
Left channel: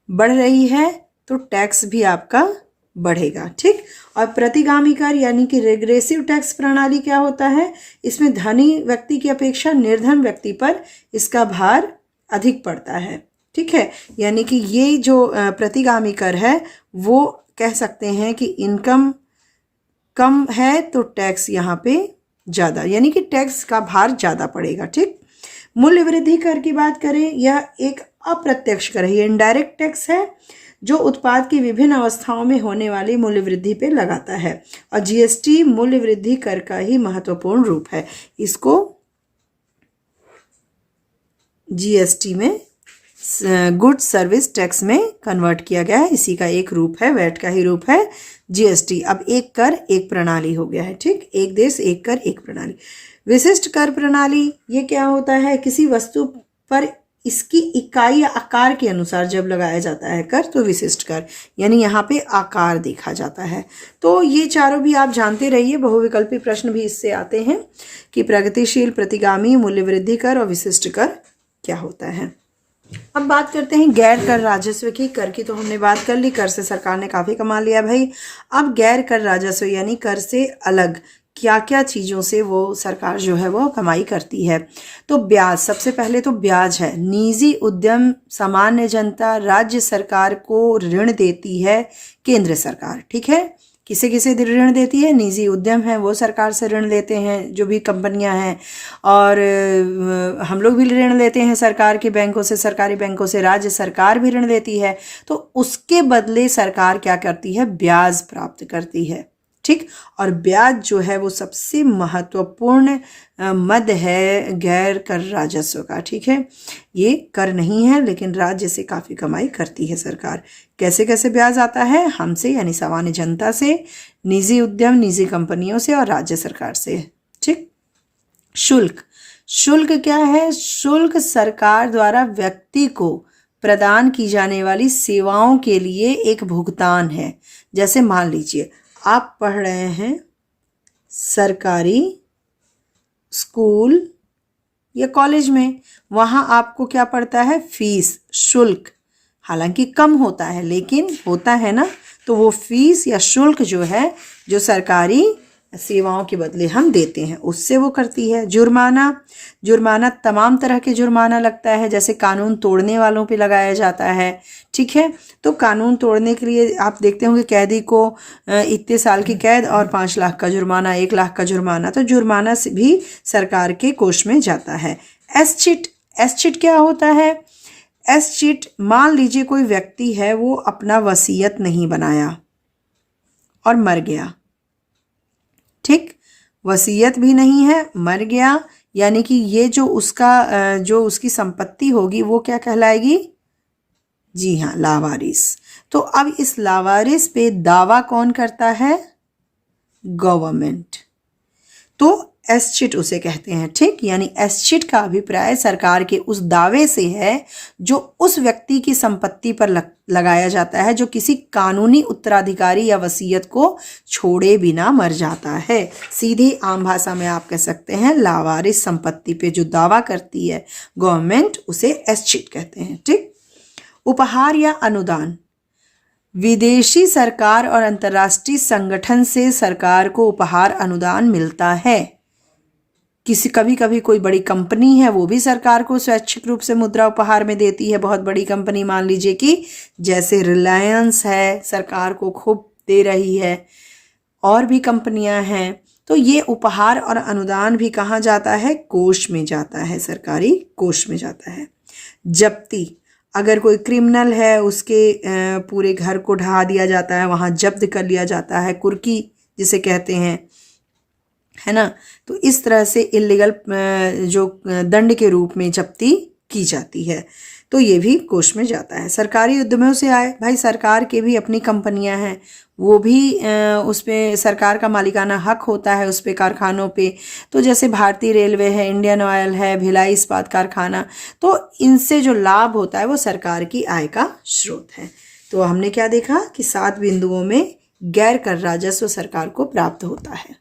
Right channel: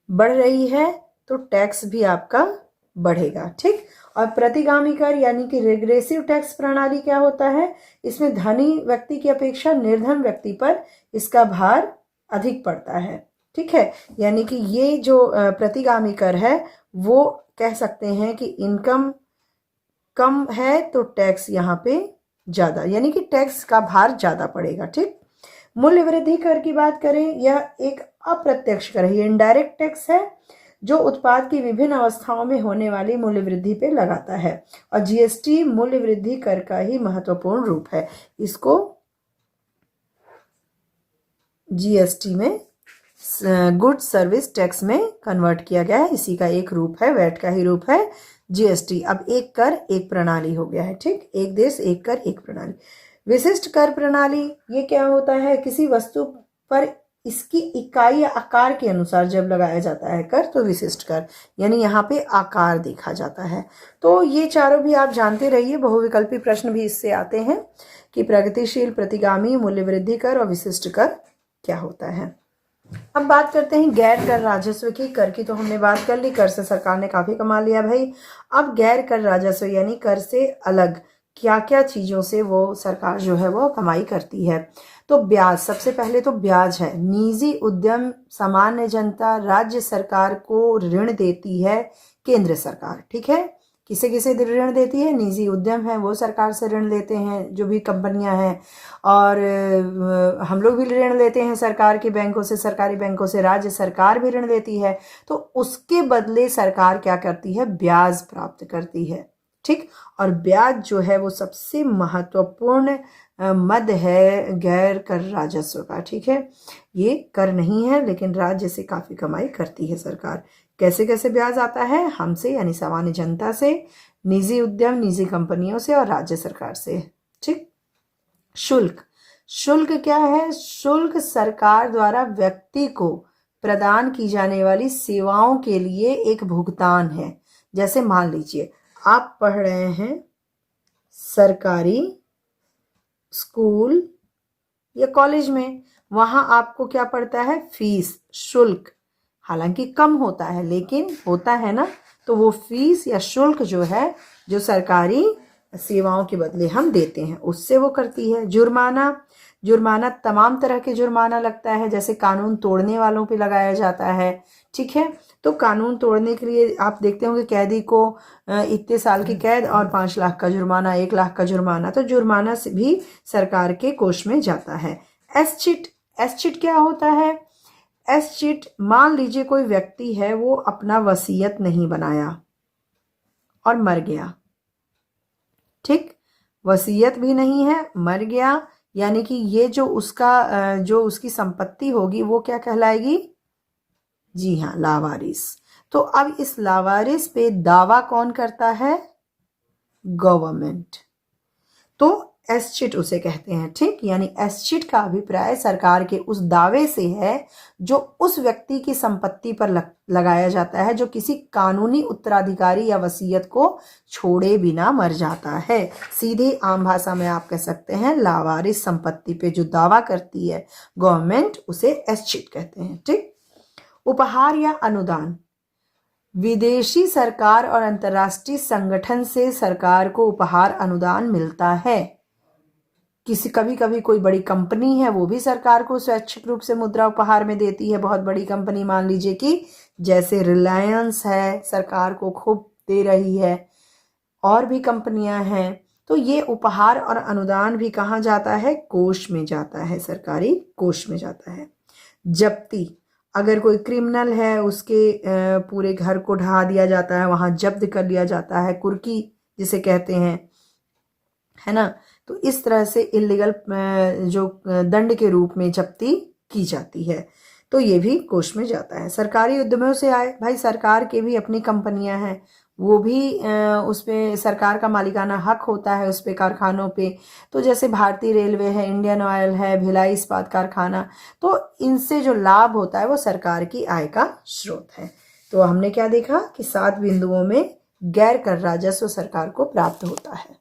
बढ़ रही है तो टैक्स भी आपका बढ़ेगा, ठीक। और प्रतिगामी कर यानी कि रिग्रेसिव टैक्स प्रणाली क्या होता है? इसमें धनी व्यक्ति की अपेक्षा निर्धन व्यक्ति पर इसका भार अधिक पड़ता है, ठीक है। यानी कि ये जो प्रतिगामी कर है वो कह सकते हैं कि इनकम कम है तो टैक्स यहाँ पे ज़्यादा, यानी कि टैक्स का भार ज़्यादा पड़ेगा, ठीक। मूल्य वृद्धि कर की बात करें, यह एक अप्रत्यक्ष कर है, ये इनडायरेक्ट टैक्स है जो उत्पाद की विभिन्न अवस्थाओं में होने वाली मूल्य वृद्धि पे लगाता है। और जीएसटी मूल्य वृद्धि कर का ही महत्वपूर्ण रूप है। इसको जीएसटी में गुड सर्विस टैक्स में कन्वर्ट किया गया है, इसी का एक रूप है, वैट का ही रूप है जीएसटी। अब एक कर एक प्रणाली हो गया है, ठीक। एक देश एक कर एक प्रणाली। विशिष्ट कर प्रणाली ये क्या होता है? किसी वस्तु पर इसकी इकाई या आकार के अनुसार जब लगाया जाता है कर तो विशिष्ट कर, यानी यहाँ पे आकार देखा जाता है। तो ये चारों भी आप जानते रहिए, बहुविकल्पी प्रश्न भी इससे आते हैं कि प्रगतिशील, प्रतिगामी, मूल्य वृद्धि कर और विशिष्ट कर क्या होता है। अब बात करते हैं गैर कर राजस्व की। कर की तो हमने बात कर ली, कर से सरकार ने काफ़ी कमा लिया भाई। अब गैर कर राजस्व यानी कर से अलग क्या क्या चीज़ों से वो सरकार जो है वो कमाई करती है। तो ब्याज, सबसे पहले तो ब्याज है। निजी उद्यम, सामान्य जनता, राज्य सरकार को ऋण देती है केंद्र सरकार, ठीक है। किसे किसे ऋण देती है? निजी उद्यम है वो सरकार से ऋण लेते हैं, जो भी कंपनियां हैं, और हम लोग भी ऋण लेते हैं सरकार के बैंकों से, सरकारी बैंकों से। राज्य सरकार भी ऋण देती है, तो उसके बदले सरकार क्या करती है? ब्याज प्राप्त करती है, ठीक। और ब्याज जो है वो सबसे महत्वपूर्ण मद है गैर कर राजस्व का, ठीक है। ये कर नहीं है लेकिन राज्य से काफ़ी कमाई करती है सरकार। कैसे कैसे ब्याज आता है? हमसे यानी सामान्य जनता से, निजी उद्यम, निजी कंपनियों से और राज्य सरकार से, ठीक। शुल्क, शुल्क क्या है? शुल्क सरकार द्वारा व्यक्ति को प्रदान की जाने वाली सेवाओं के लिए एक भुगतान है। जैसे मान लीजिए आप पढ़ रहे हैं सरकारी स्कूल या कॉलेज में, वहाँ आपको क्या पड़ता है? फीस, शुल्क। हालांकि कम होता है लेकिन होता है ना, तो वो फीस या शुल्क जो है, जो सरकारी सेवाओं के बदले हम देते हैं, उससे वो करती है। जुर्माना, जुर्माना तमाम तरह के जुर्माना लगता है, जैसे कानून तोड़ने वालों पे लगाया जाता है, ठीक है। तो कानून तोड़ने के लिए आप देखते होंगे कैदी को इतने साल की कैद और 5 लाख का जुर्माना, 1 लाख का जुर्माना, तो जुर्माना से भी सरकार के कोष में जाता है। एस्चिट, एस्चिट क्या होता है? एस्चिट, मान लीजिए कोई व्यक्ति है, वो अपना वसीयत नहीं बनाया और मर गया, ठीक, वसीयत भी नहीं है, मर गया, यानी कि ये जो उसकी संपत्ति होगी वो क्या कहलाएगी? जी हाँ, लावारिस। तो अब इस लावारिस पे दावा कौन करता है? गवर्नमेंट। तो एस्चिट उसे कहते हैं, ठीक। यानी एस्चिट का अभिप्राय सरकार के उस दावे से है जो उस व्यक्ति की संपत्ति पर लगाया जाता है जो किसी कानूनी उत्तराधिकारी या वसीयत को छोड़े बिना मर जाता है। सीधे आम भाषा में आप कह सकते हैं लावारिस संपत्ति पे जो दावा करती है गवर्नमेंट, उसे एस्चिट कहते हैं, ठीक। उपहार या अनुदान, विदेशी सरकार और अंतर्राष्ट्रीय संगठन से सरकार को उपहार अनुदान मिलता है। कभी कभी कोई बड़ी कंपनी है, वो भी सरकार को स्वैच्छिक रूप से मुद्रा उपहार में देती है। बहुत बड़ी कंपनी, मान लीजिए कि जैसे रिलायंस है, सरकार को खूब दे रही है, और भी कंपनियां हैं। तो ये उपहार और अनुदान भी कहाँ जाता है? कोष में जाता है, सरकारी कोष में जाता है। जब्ती, अगर कोई क्रिमिनल है, उसके पूरे घर को ढहा दिया जाता है, वहाँ जब्त कर लिया जाता है, कुर्की जिसे कहते हैं, है ना। तो इस तरह से इलीगल जो दंड के रूप में जब्ती की जाती है, तो ये भी कोष में जाता है। सरकारी उद्यमों से आए, भाई सरकार के भी अपनी कंपनियां हैं, वो भी उस पर सरकार का मालिकाना हक होता है उस पे, कारखानों पे। तो जैसे भारतीय रेलवे है, इंडियन ऑयल है, भिलाई इस्पात कारखाना, तो इनसे जो लाभ होता है वो सरकार की आय का स्रोत है। तो हमने क्या देखा कि 7 बिंदुओं में गैर कर राजस्व सरकार को प्राप्त होता है।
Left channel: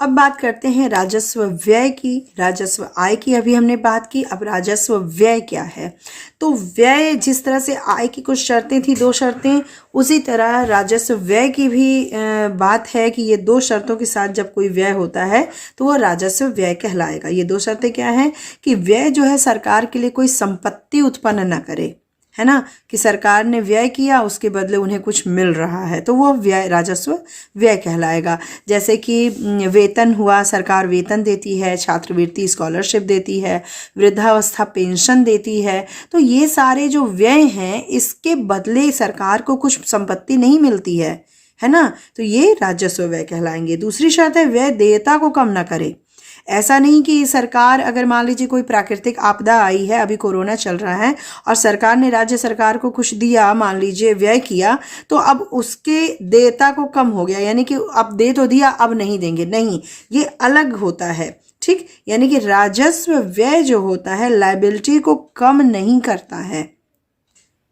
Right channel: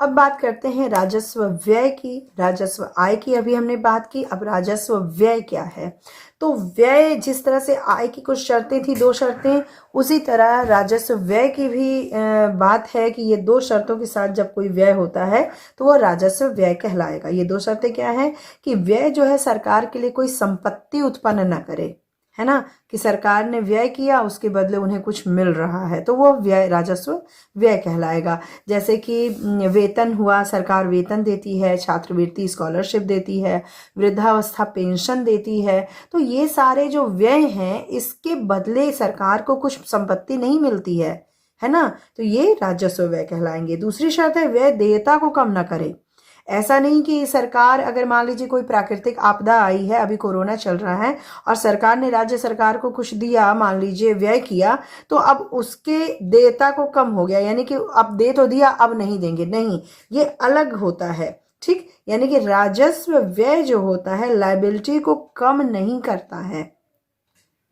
अब बात करते हैं राजस्व व्यय की। राजस्व आय की अभी हमने बात की, अब राजस्व व्यय क्या है? तो व्यय, जिस तरह से आय की कुछ शर्तें थी, 2 शर्तें, उसी तरह राजस्व व्यय की भी बात है कि ये 2 शर्तों के साथ जब कोई व्यय होता है तो वह राजस्व व्यय कहलाएगा। ये 2 शर्तें क्या हैं? कि व्यय जो है सरकार के लिए कोई संपत्ति उत्पन्न न करे, है ना, कि सरकार ने व्यय किया, उसके बदले उन्हें कुछ मिल रहा है, तो वो व्यय, राजस्व व्यय कहलाएगा। जैसे कि वेतन हुआ, सरकार वेतन देती है, छात्रवृत्ति स्कॉलरशिप देती है, वृद्धावस्था पेंशन देती है, तो ये सारे जो व्यय हैं, इसके बदले सरकार को कुछ संपत्ति नहीं मिलती है ना, तो ये राजस्व व्यय कहलाएंगे। दूसरी शर्त है व्यय देयता को कम ना करे। ऐसा नहीं कि सरकार, अगर मान लीजिए कोई प्राकृतिक आपदा आई है, अभी कोरोना चल रहा है, और सरकार ने राज्य सरकार को कुछ दिया, मान लीजिए व्यय किया, तो अब उसके देयता को कम हो गया, यानी कि अब दे तो दिया, अब नहीं देंगे, नहीं, ये अलग होता है, ठीक। यानी कि राजस्व व्यय जो होता है लायबिलिटी को कम नहीं करता है।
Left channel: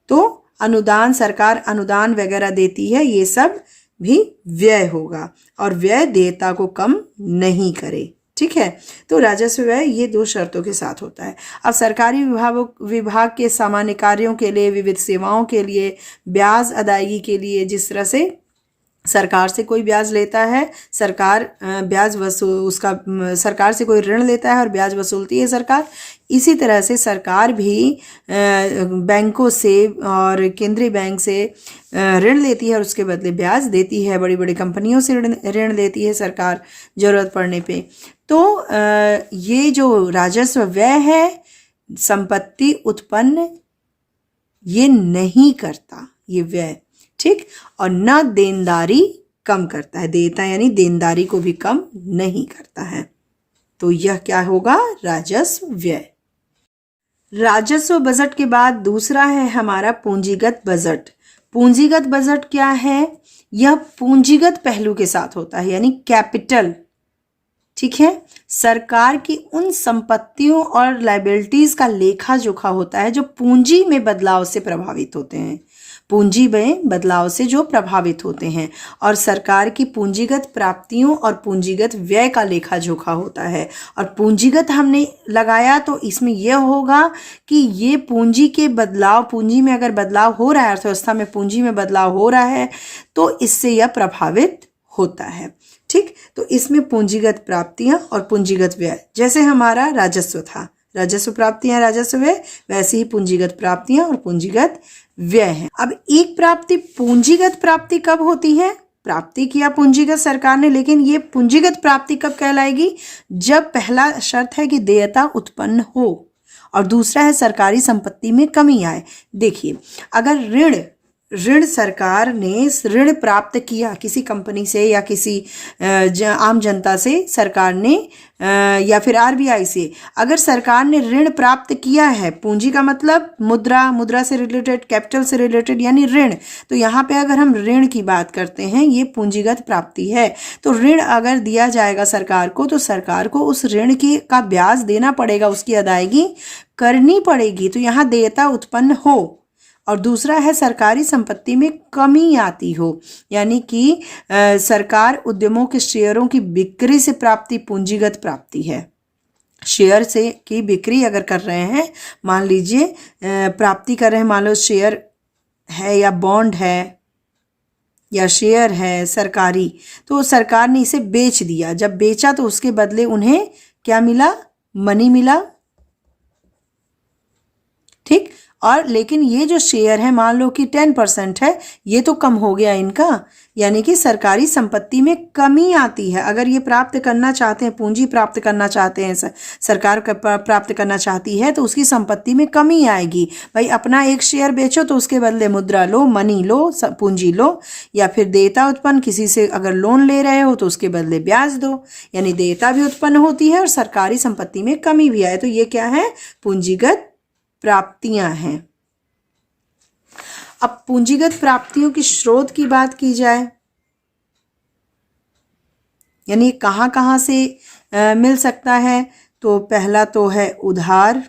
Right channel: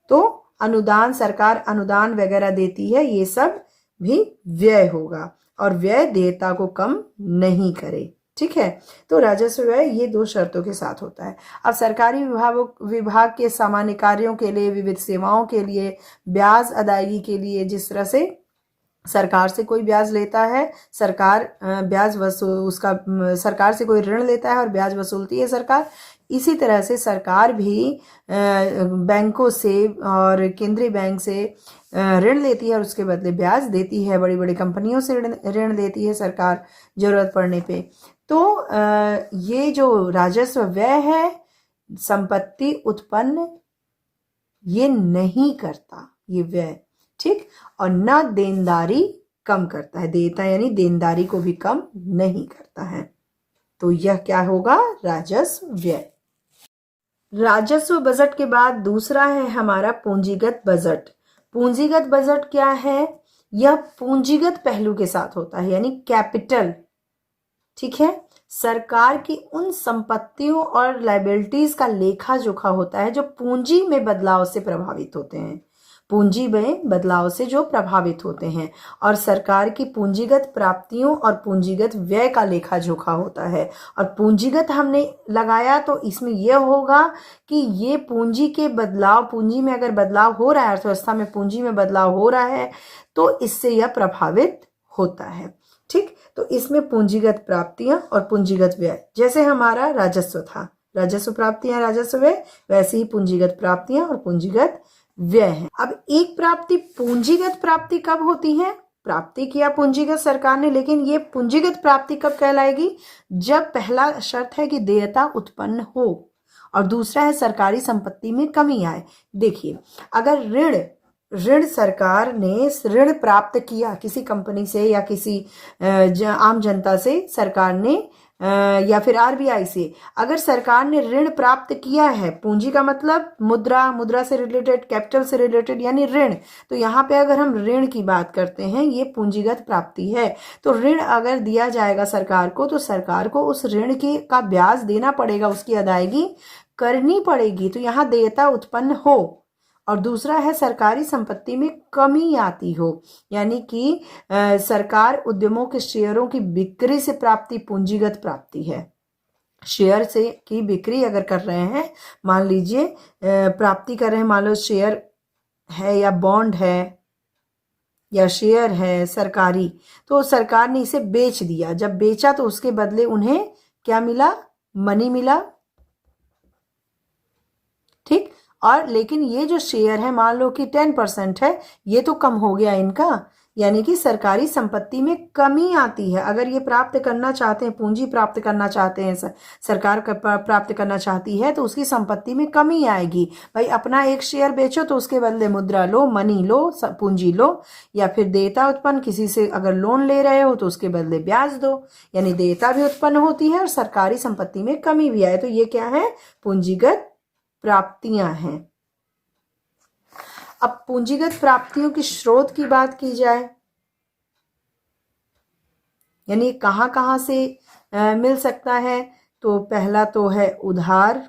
तो अनुदान, सरकार अनुदान वगैरह देती है, ये सब भी व्यय होगा, और व्यय देयता को कम नहीं करे, ठीक है। तो राजस्व व्यय ये 2 शर्तों के साथ होता है। अब सरकारी विभाग के सामान्य कार्यों के लिए, विविध सेवाओं के लिए, ब्याज अदायगी के लिए, जिस तरह से सरकार से कोई ब्याज लेता है, सरकार ब्याज सरकार से कोई ऋण लेता है और ब्याज वसूलती है सरकार, इसी तरह से सरकार भी बैंकों से और केंद्रीय बैंक से ऋण लेती है और उसके बदले ब्याज देती है। बड़ी बड़ी कंपनियों से ऋण लेती है सरकार ज़रूरत पड़ने पे। तो ये जो राजस्व व्यय है, संपत्ति उत्पन्न ये नहीं करता, ये व्यय, ठीक, और न देनदारी कम करता है, देयता यानी देनदारी को भी कम नहीं करता है। तो यह क्या होगा? राजस्व व्यय। राजस्व बजट के बाद दूसरा है हमारा पूंजीगत बजट। पूंजीगत बजट क्या है? यह पूंजीगत पहलू के साथ होता है, यानी कैपिटल, ठीक है। सरकार की उन संपत्तियों और लायबिलिटीज का लेखा जोखा होता है जो पूंजी में बदलाव से प्रभावित होते हैं, पूंजी में बदलाव से जो प्रभावित होते हैं, और सरकार की पूंजीगत प्राप्तियों और पूंजीगत व्यय का लेखा जोखा होता है। और पूंजीगत हमने लगाया तो इसमें यह होगा कि ये पूंजी के बदलाव, पूंजी में अगर बदलाव हो रहा है, अर्थव्यवस्था में पूंजी में बदलाव हो रहा है, तो इससे यह प्रभावित होता है, ठीक। तो इसमें पूंजीगत प्राप्तियां और पूंजीगत व्यय, जैसे हमारा राजस्व था, राजस्व प्राप्तियां राजस्व व्यय, वैसे ही पूंजीगत प्राप्तियां और पूंजीगत व्यय है। अब एक प्राप्ति पूंजीगत प्राप्ति कब होती है? प्राप्ति किया पूंजीगत सरकार ने, लेकिन ये पूंजीगत प्राप्ति कब कहलाएगी? जब पहला शर्त है कि देयता उत्पन्न हो और दूसरा है सरकारी संपत्ति में कमी आए। देखिए, अगर ऋण सरकार ने ऋण प्राप्त किया किसी कंपनी से या किसी आम जनता से, सरकार ने या फिर आरबीआई से, अगर सरकार ने ऋण प्राप्त किया है, पूंजी का मतलब मुद्रा से रिलेटेड, कैपिटल से रिलेटेड यानी ऋण, तो यहाँ पे अगर हम ऋण की बात करते हैं ये पूंजीगत प्राप्ति है। तो ऋण अगर दिया जाएगा सरकार को तो सरकार को उस ऋण का ब्याज देना पड़ेगा, उसकी अदायगी करनी पड़ेगी। तो यहाँ देयता उत्पन्न हो और दूसरा है सरकारी संपत्ति में कमी आती हो, यानी कि सरकार उद्यमों के शेयरों की बिक्री से प्राप्ति पूंजीगत प्राप्ति है। शेयर से की बिक्री अगर कर रहे हैं, मान लीजिए प्राप्ति कर रहे हैं, मान लो शेयर है या बॉन्ड है या शेयर है सरकारी, तो सरकार ने इसे बेच दिया, जब बेचा तो उसके बदले उन्हें क्या मिला? मनी मिला, ठीक। और लेकिन ये जो शेयर है मान लो कि 10% है, ये तो कम हो गया इनका, यानी कि सरकारी संपत्ति में कमी आती है। अगर ये प्राप्त करना चाहते हैं, पूंजी प्राप्त करना चाहते हैं, सरकार प्राप्त करना चाहती है, तो उसकी संपत्ति में कमी आएगी। भाई अपना एक शेयर बेचो तो उसके बदले मुद्रा लो, मनी लो, पूंजी लो, या फिर देयता उत्पन्न, किसी से अगर लोन ले रहे हो तो उसके बदले ब्याज दो, यानी देयता भी उत्पन्न होती है और सरकारी संपत्ति में कमी भी आए। तो ये क्या है? पूंजीगत प्राप्तियां हैं। अब पूंजीगत प्राप्तियों की स्रोत की बात की जाए, यानी कहां कहां से मिल सकता है, तो पहला तो है उधार।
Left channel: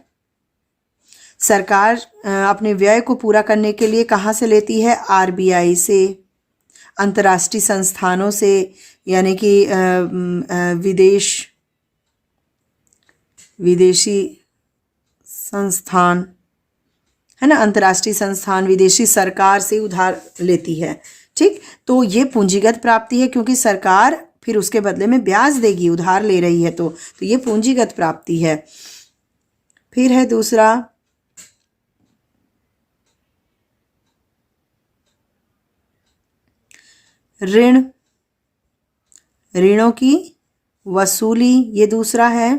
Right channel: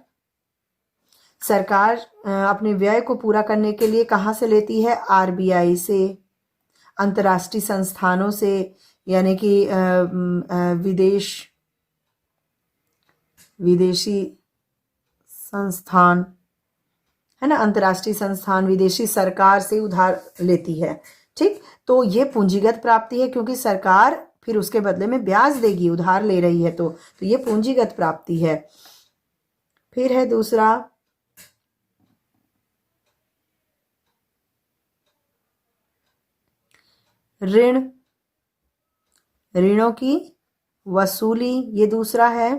सरकार अपने व्यय को पूरा करने के लिए कहां से लेती है? आरबीआई से, अंतर्राष्ट्रीय संस्थानों से, यानी कि विदेशी संस्थान है ना, अंतर्राष्ट्रीय संस्थान, विदेशी सरकार से उधार लेती है, ठीक। तो ये पूंजीगत प्राप्ति है, क्योंकि सरकार फिर उसके बदले में ब्याज देगी, उधार ले रही है, तो ये पूंजीगत प्राप्ति है। फिर है दूसरा ऋण, ऋणों की वसूली, ये दूसरा है।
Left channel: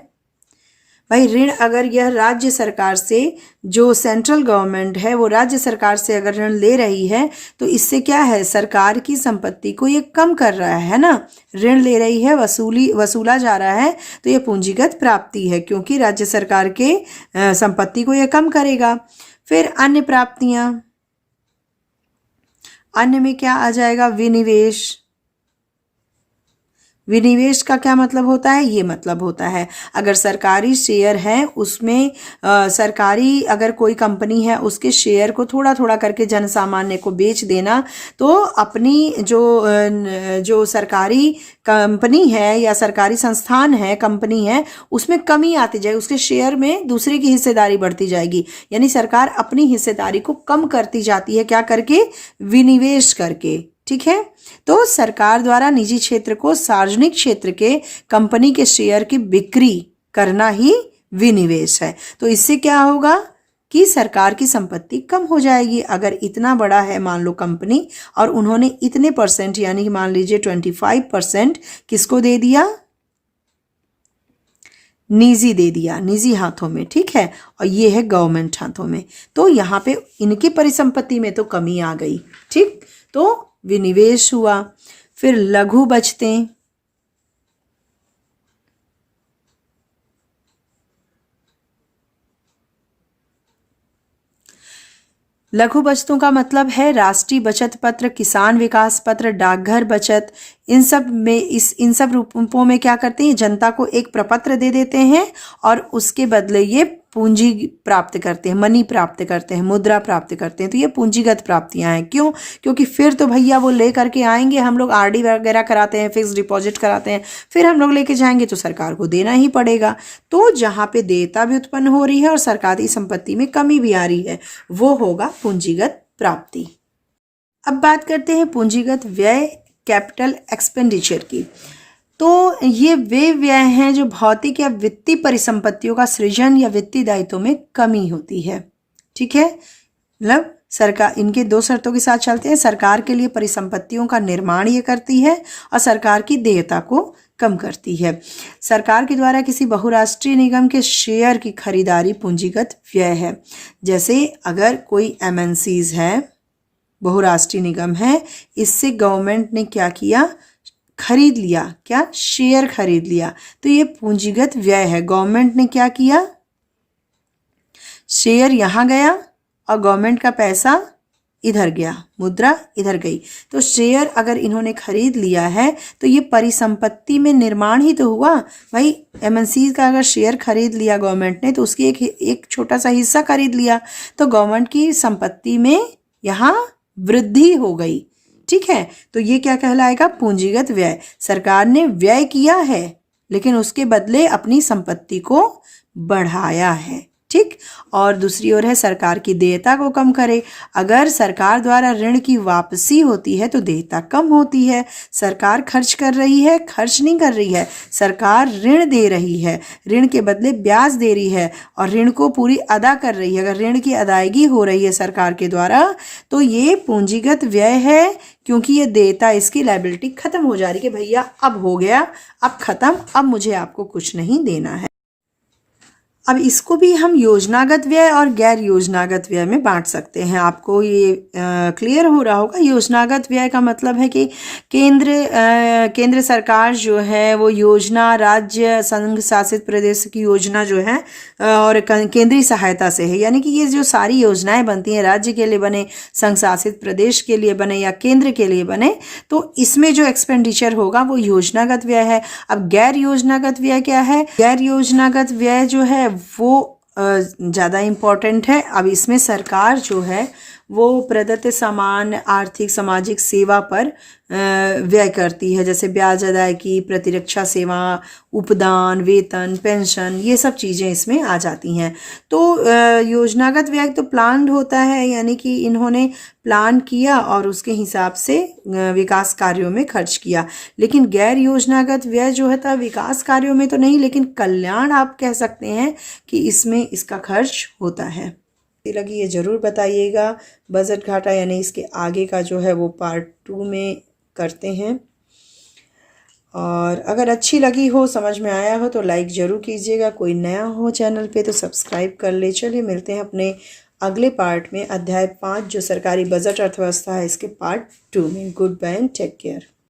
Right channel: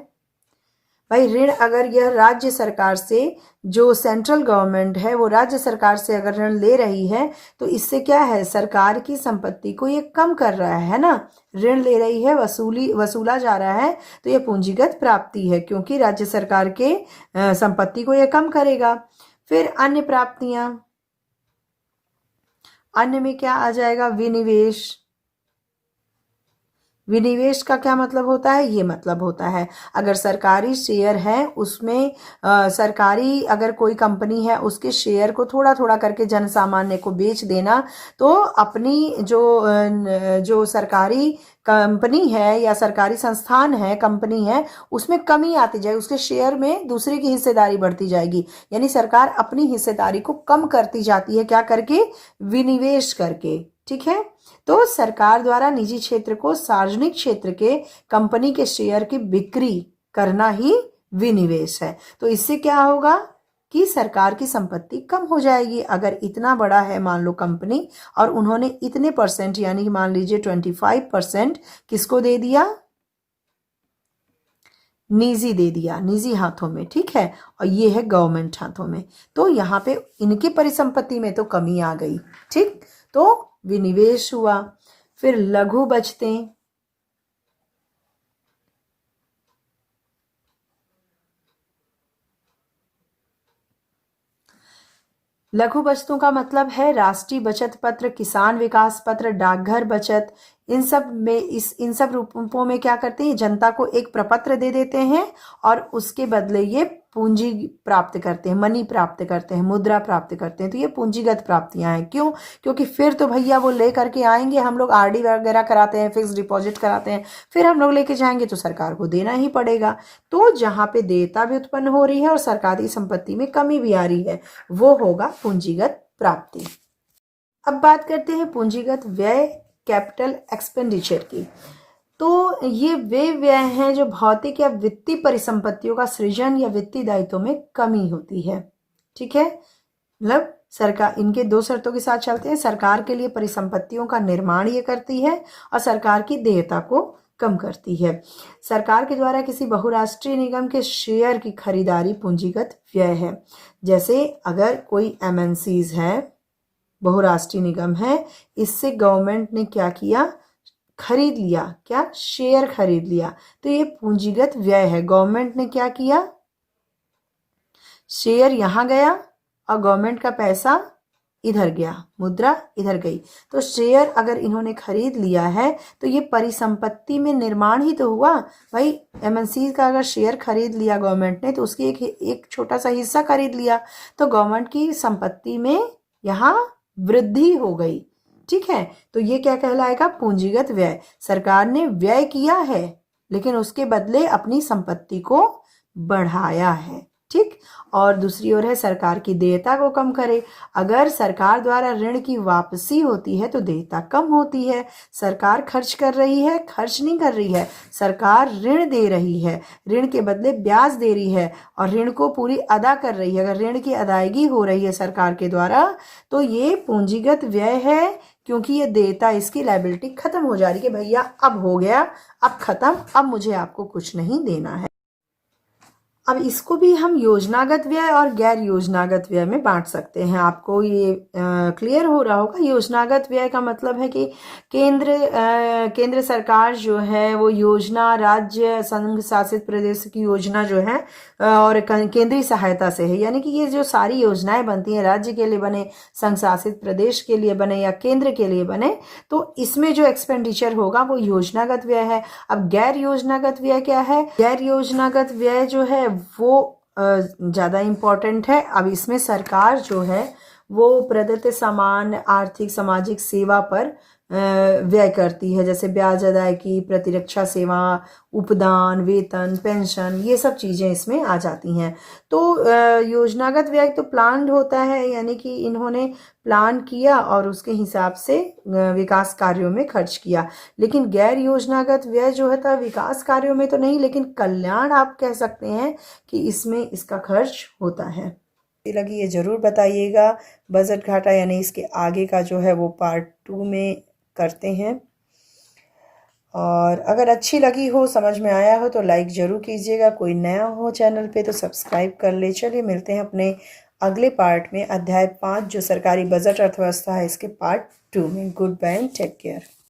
भाई ऋण अगर यह राज्य सरकार से, जो सेंट्रल गवर्नमेंट है वो राज्य सरकार से अगर ऋण ले रही है, तो इससे क्या है? सरकार की संपत्ति को ये कम कर रहा है ना, ऋण ले रही है, वसूला जा रहा है, तो ये पूंजीगत प्राप्ति है, क्योंकि राज्य सरकार के संपत्ति को ये कम करेगा। फिर अन्य प्राप्तियां, अन्य में क्या आ जाएगा? विनिवेश। विनिवेश का क्या मतलब होता है? ये मतलब होता है अगर सरकारी शेयर है, उसमें सरकारी अगर कोई कंपनी है, उसके शेयर को थोड़ा थोड़ा करके जन सामान्य को बेच देना, तो अपनी जो सरकारी कंपनी है या सरकारी संस्थान है, कंपनी है, उसमें कमी आती जाएगी, उसके शेयर में दूसरे की हिस्सेदारी बढ़ती जाएगी, यानी सरकार अपनी हिस्सेदारी को कम करती जाती है, क्या करके? विनिवेश करके, ठीक है। तो सरकार द्वारा निजी क्षेत्र को सार्वजनिक क्षेत्र के कंपनी के शेयर की बिक्री करना ही विनिवेश है। तो इससे क्या होगा कि सरकार की संपत्ति कम हो जाएगी। अगर इतना बड़ा है मान लो कंपनी, और उन्होंने इतने परसेंट, यानी कि मान लीजिए 25% किसको दे दिया? निजी दे दिया, निजी हाथों में, ठीक है, और ये है गवर्नमेंट हाथों में, तो यहाँ पे इनकी परिसंपत्ति में तो कमी आ गई, ठीक। तो विनिवेश हुआ। फिर लघु बचतें, लघु बचतों का मतलब है राष्ट्रीय बचत पत्र, किसान विकास पत्र, डाकघर बचत, इन सब रूपों में क्या करते हैं? जनता को एक प्रपत्र दे देते हैं और उसके बदले ये पूंजी प्राप्त करते हैं, मनी प्राप्त करते हैं, मुद्रा प्राप्त करते हैं। तो ये पूंजीगत प्राप्तियां हैं। क्यों? क्योंकि फिर तो भैया वो ले करके आएंगे, हम लोग आरडी वगैरह कराते हैं, फिक्स डिपॉजिट कराते हैं, फिर हम लोग लेके जाएंगे तो सरकार को देना ही पड़ेगा। तो जहाँ पे देयता भी उत्पन्न हो रही है और सरकारी संपत्ति में कमी भी आ रही है, वो होगा पूंजीगत प्राप्ति। अब बात करते हैं पूंजीगत व्यय, कैपिटल एक्सपेंडिचर की। तो ये वे व्यय हैं जो भौतिक या वित्तीय परिसंपत्तियों का सृजन या वित्तीय दायित्वों में कमी होती है। ठीक है, मतलब सरकार इनके दो शर्तों के साथ चलते हैं। सरकार के लिए परिसंपत्तियों का निर्माण ये करती है और सरकार की देयता को कम करती है। सरकार के द्वारा किसी बहुराष्ट्रीय निगम के शेयर की खरीदारी पूंजीगत व्यय है। जैसे अगर कोई एमएनसीज है, बहुराष्ट्रीय निगम है, इससे गवर्नमेंट ने क्या किया, खरीद लिया, क्या, शेयर खरीद लिया, तो ये पूंजीगत व्यय है। गवर्नमेंट ने क्या किया, शेयर यहाँ गया और गवर्नमेंट का पैसा इधर गया, मुद्रा इधर गई। तो शेयर अगर इन्होंने खरीद लिया है तो ये परिसंपत्ति में निर्माण ही तो हुआ भाई। एमएनसी का अगर शेयर खरीद लिया गवर्नमेंट ने तो उसकी एक छोटा सा हिस्सा खरीद लिया, तो गवर्नमेंट की संपत्ति में यहाँ वृद्धि हो गई। ठीक है, तो ये क्या कहलाएगा, पूंजीगत व्यय। सरकार ने व्यय किया है लेकिन उसके बदले अपनी संपत्ति को बढ़ाया है। ठीक, और दूसरी ओर है सरकार की देयता को कम करे। अगर सरकार द्वारा ऋण की वापसी होती है तो देयता कम होती है। सरकार खर्च कर रही है, खर्च नहीं कर रही है, सरकार ऋण दे रही है, ऋण के बदले ब्याज दे रही है और ऋण को पूरी अदा कर रही है। अगर ऋण की अदायगी हो रही है सरकार के द्वारा तो ये पूंजीगत व्यय है, क्योंकि ये देयता, इसकी लायबिलिटी खत्म हो जा रही है कि भैया अब हो गया, अब खत्म, अब मुझे आपको कुछ नहीं देना है। अब इसको भी हम योजनागत व्यय और गैर योजनागत व्यय में बांट सकते हैं। आपको ये क्लियर हो रहा होगा। योजनागत व्यय का मतलब है कि केंद्र सरकार जो है वो योजना राज्य संघ शासित प्रदेश की योजना जो है और केंद्रीय सहायता से है। यानी कि ये जो सारी योजनाएं बनती हैं, राज्य के लिए बने, संघ शासित प्रदेश के लिए बने या केंद्र के लिए बने, तो इसमें जो एक्सपेंडिचर होगा वो योजनागत व्यय है। अब गैर योजनागत व्यय क्या है, गैर योजनागत व्यय जो है वो ज़्यादा इम्पॉर्टेंट है। अब इसमें सरकार जो है वो प्रदत्त सामान्य आर्थिक सामाजिक सेवा पर व्यय करती है, जैसे ब्याज अदायगी, प्रतिरक्षा सेवा, उपदान, वेतन, पेंशन, ये सब चीज़ें इसमें आ जाती हैं। तो योजनागत व्यय तो प्लान्ड होता है, यानी कि इन्होंने प्लान किया और उसके हिसाब से विकास कार्यों में खर्च किया। लेकिन गैर योजनागत व्यय जो है था विकास कार्यों में तो नहीं, लेकिन कल्याण आप कह सकते हैं कि इसमें इसका खर्च होता है। लगी ये ज़रूर बताइएगा। बजट घाटा यानी इसके आगे का जो है वो पार्ट 2 में करते हैं। और अगर अच्छी लगी हो, समझ में आया हो तो लाइक ज़रूर कीजिएगा। कोई नया हो चैनल पे तो सब्सक्राइब कर ले। चलिए मिलते हैं अपने अगले पार्ट में, अध्याय 5 जो सरकारी बजट अर्थव्यवस्था है, इसके पार्ट 2 में। Goodbye and take care.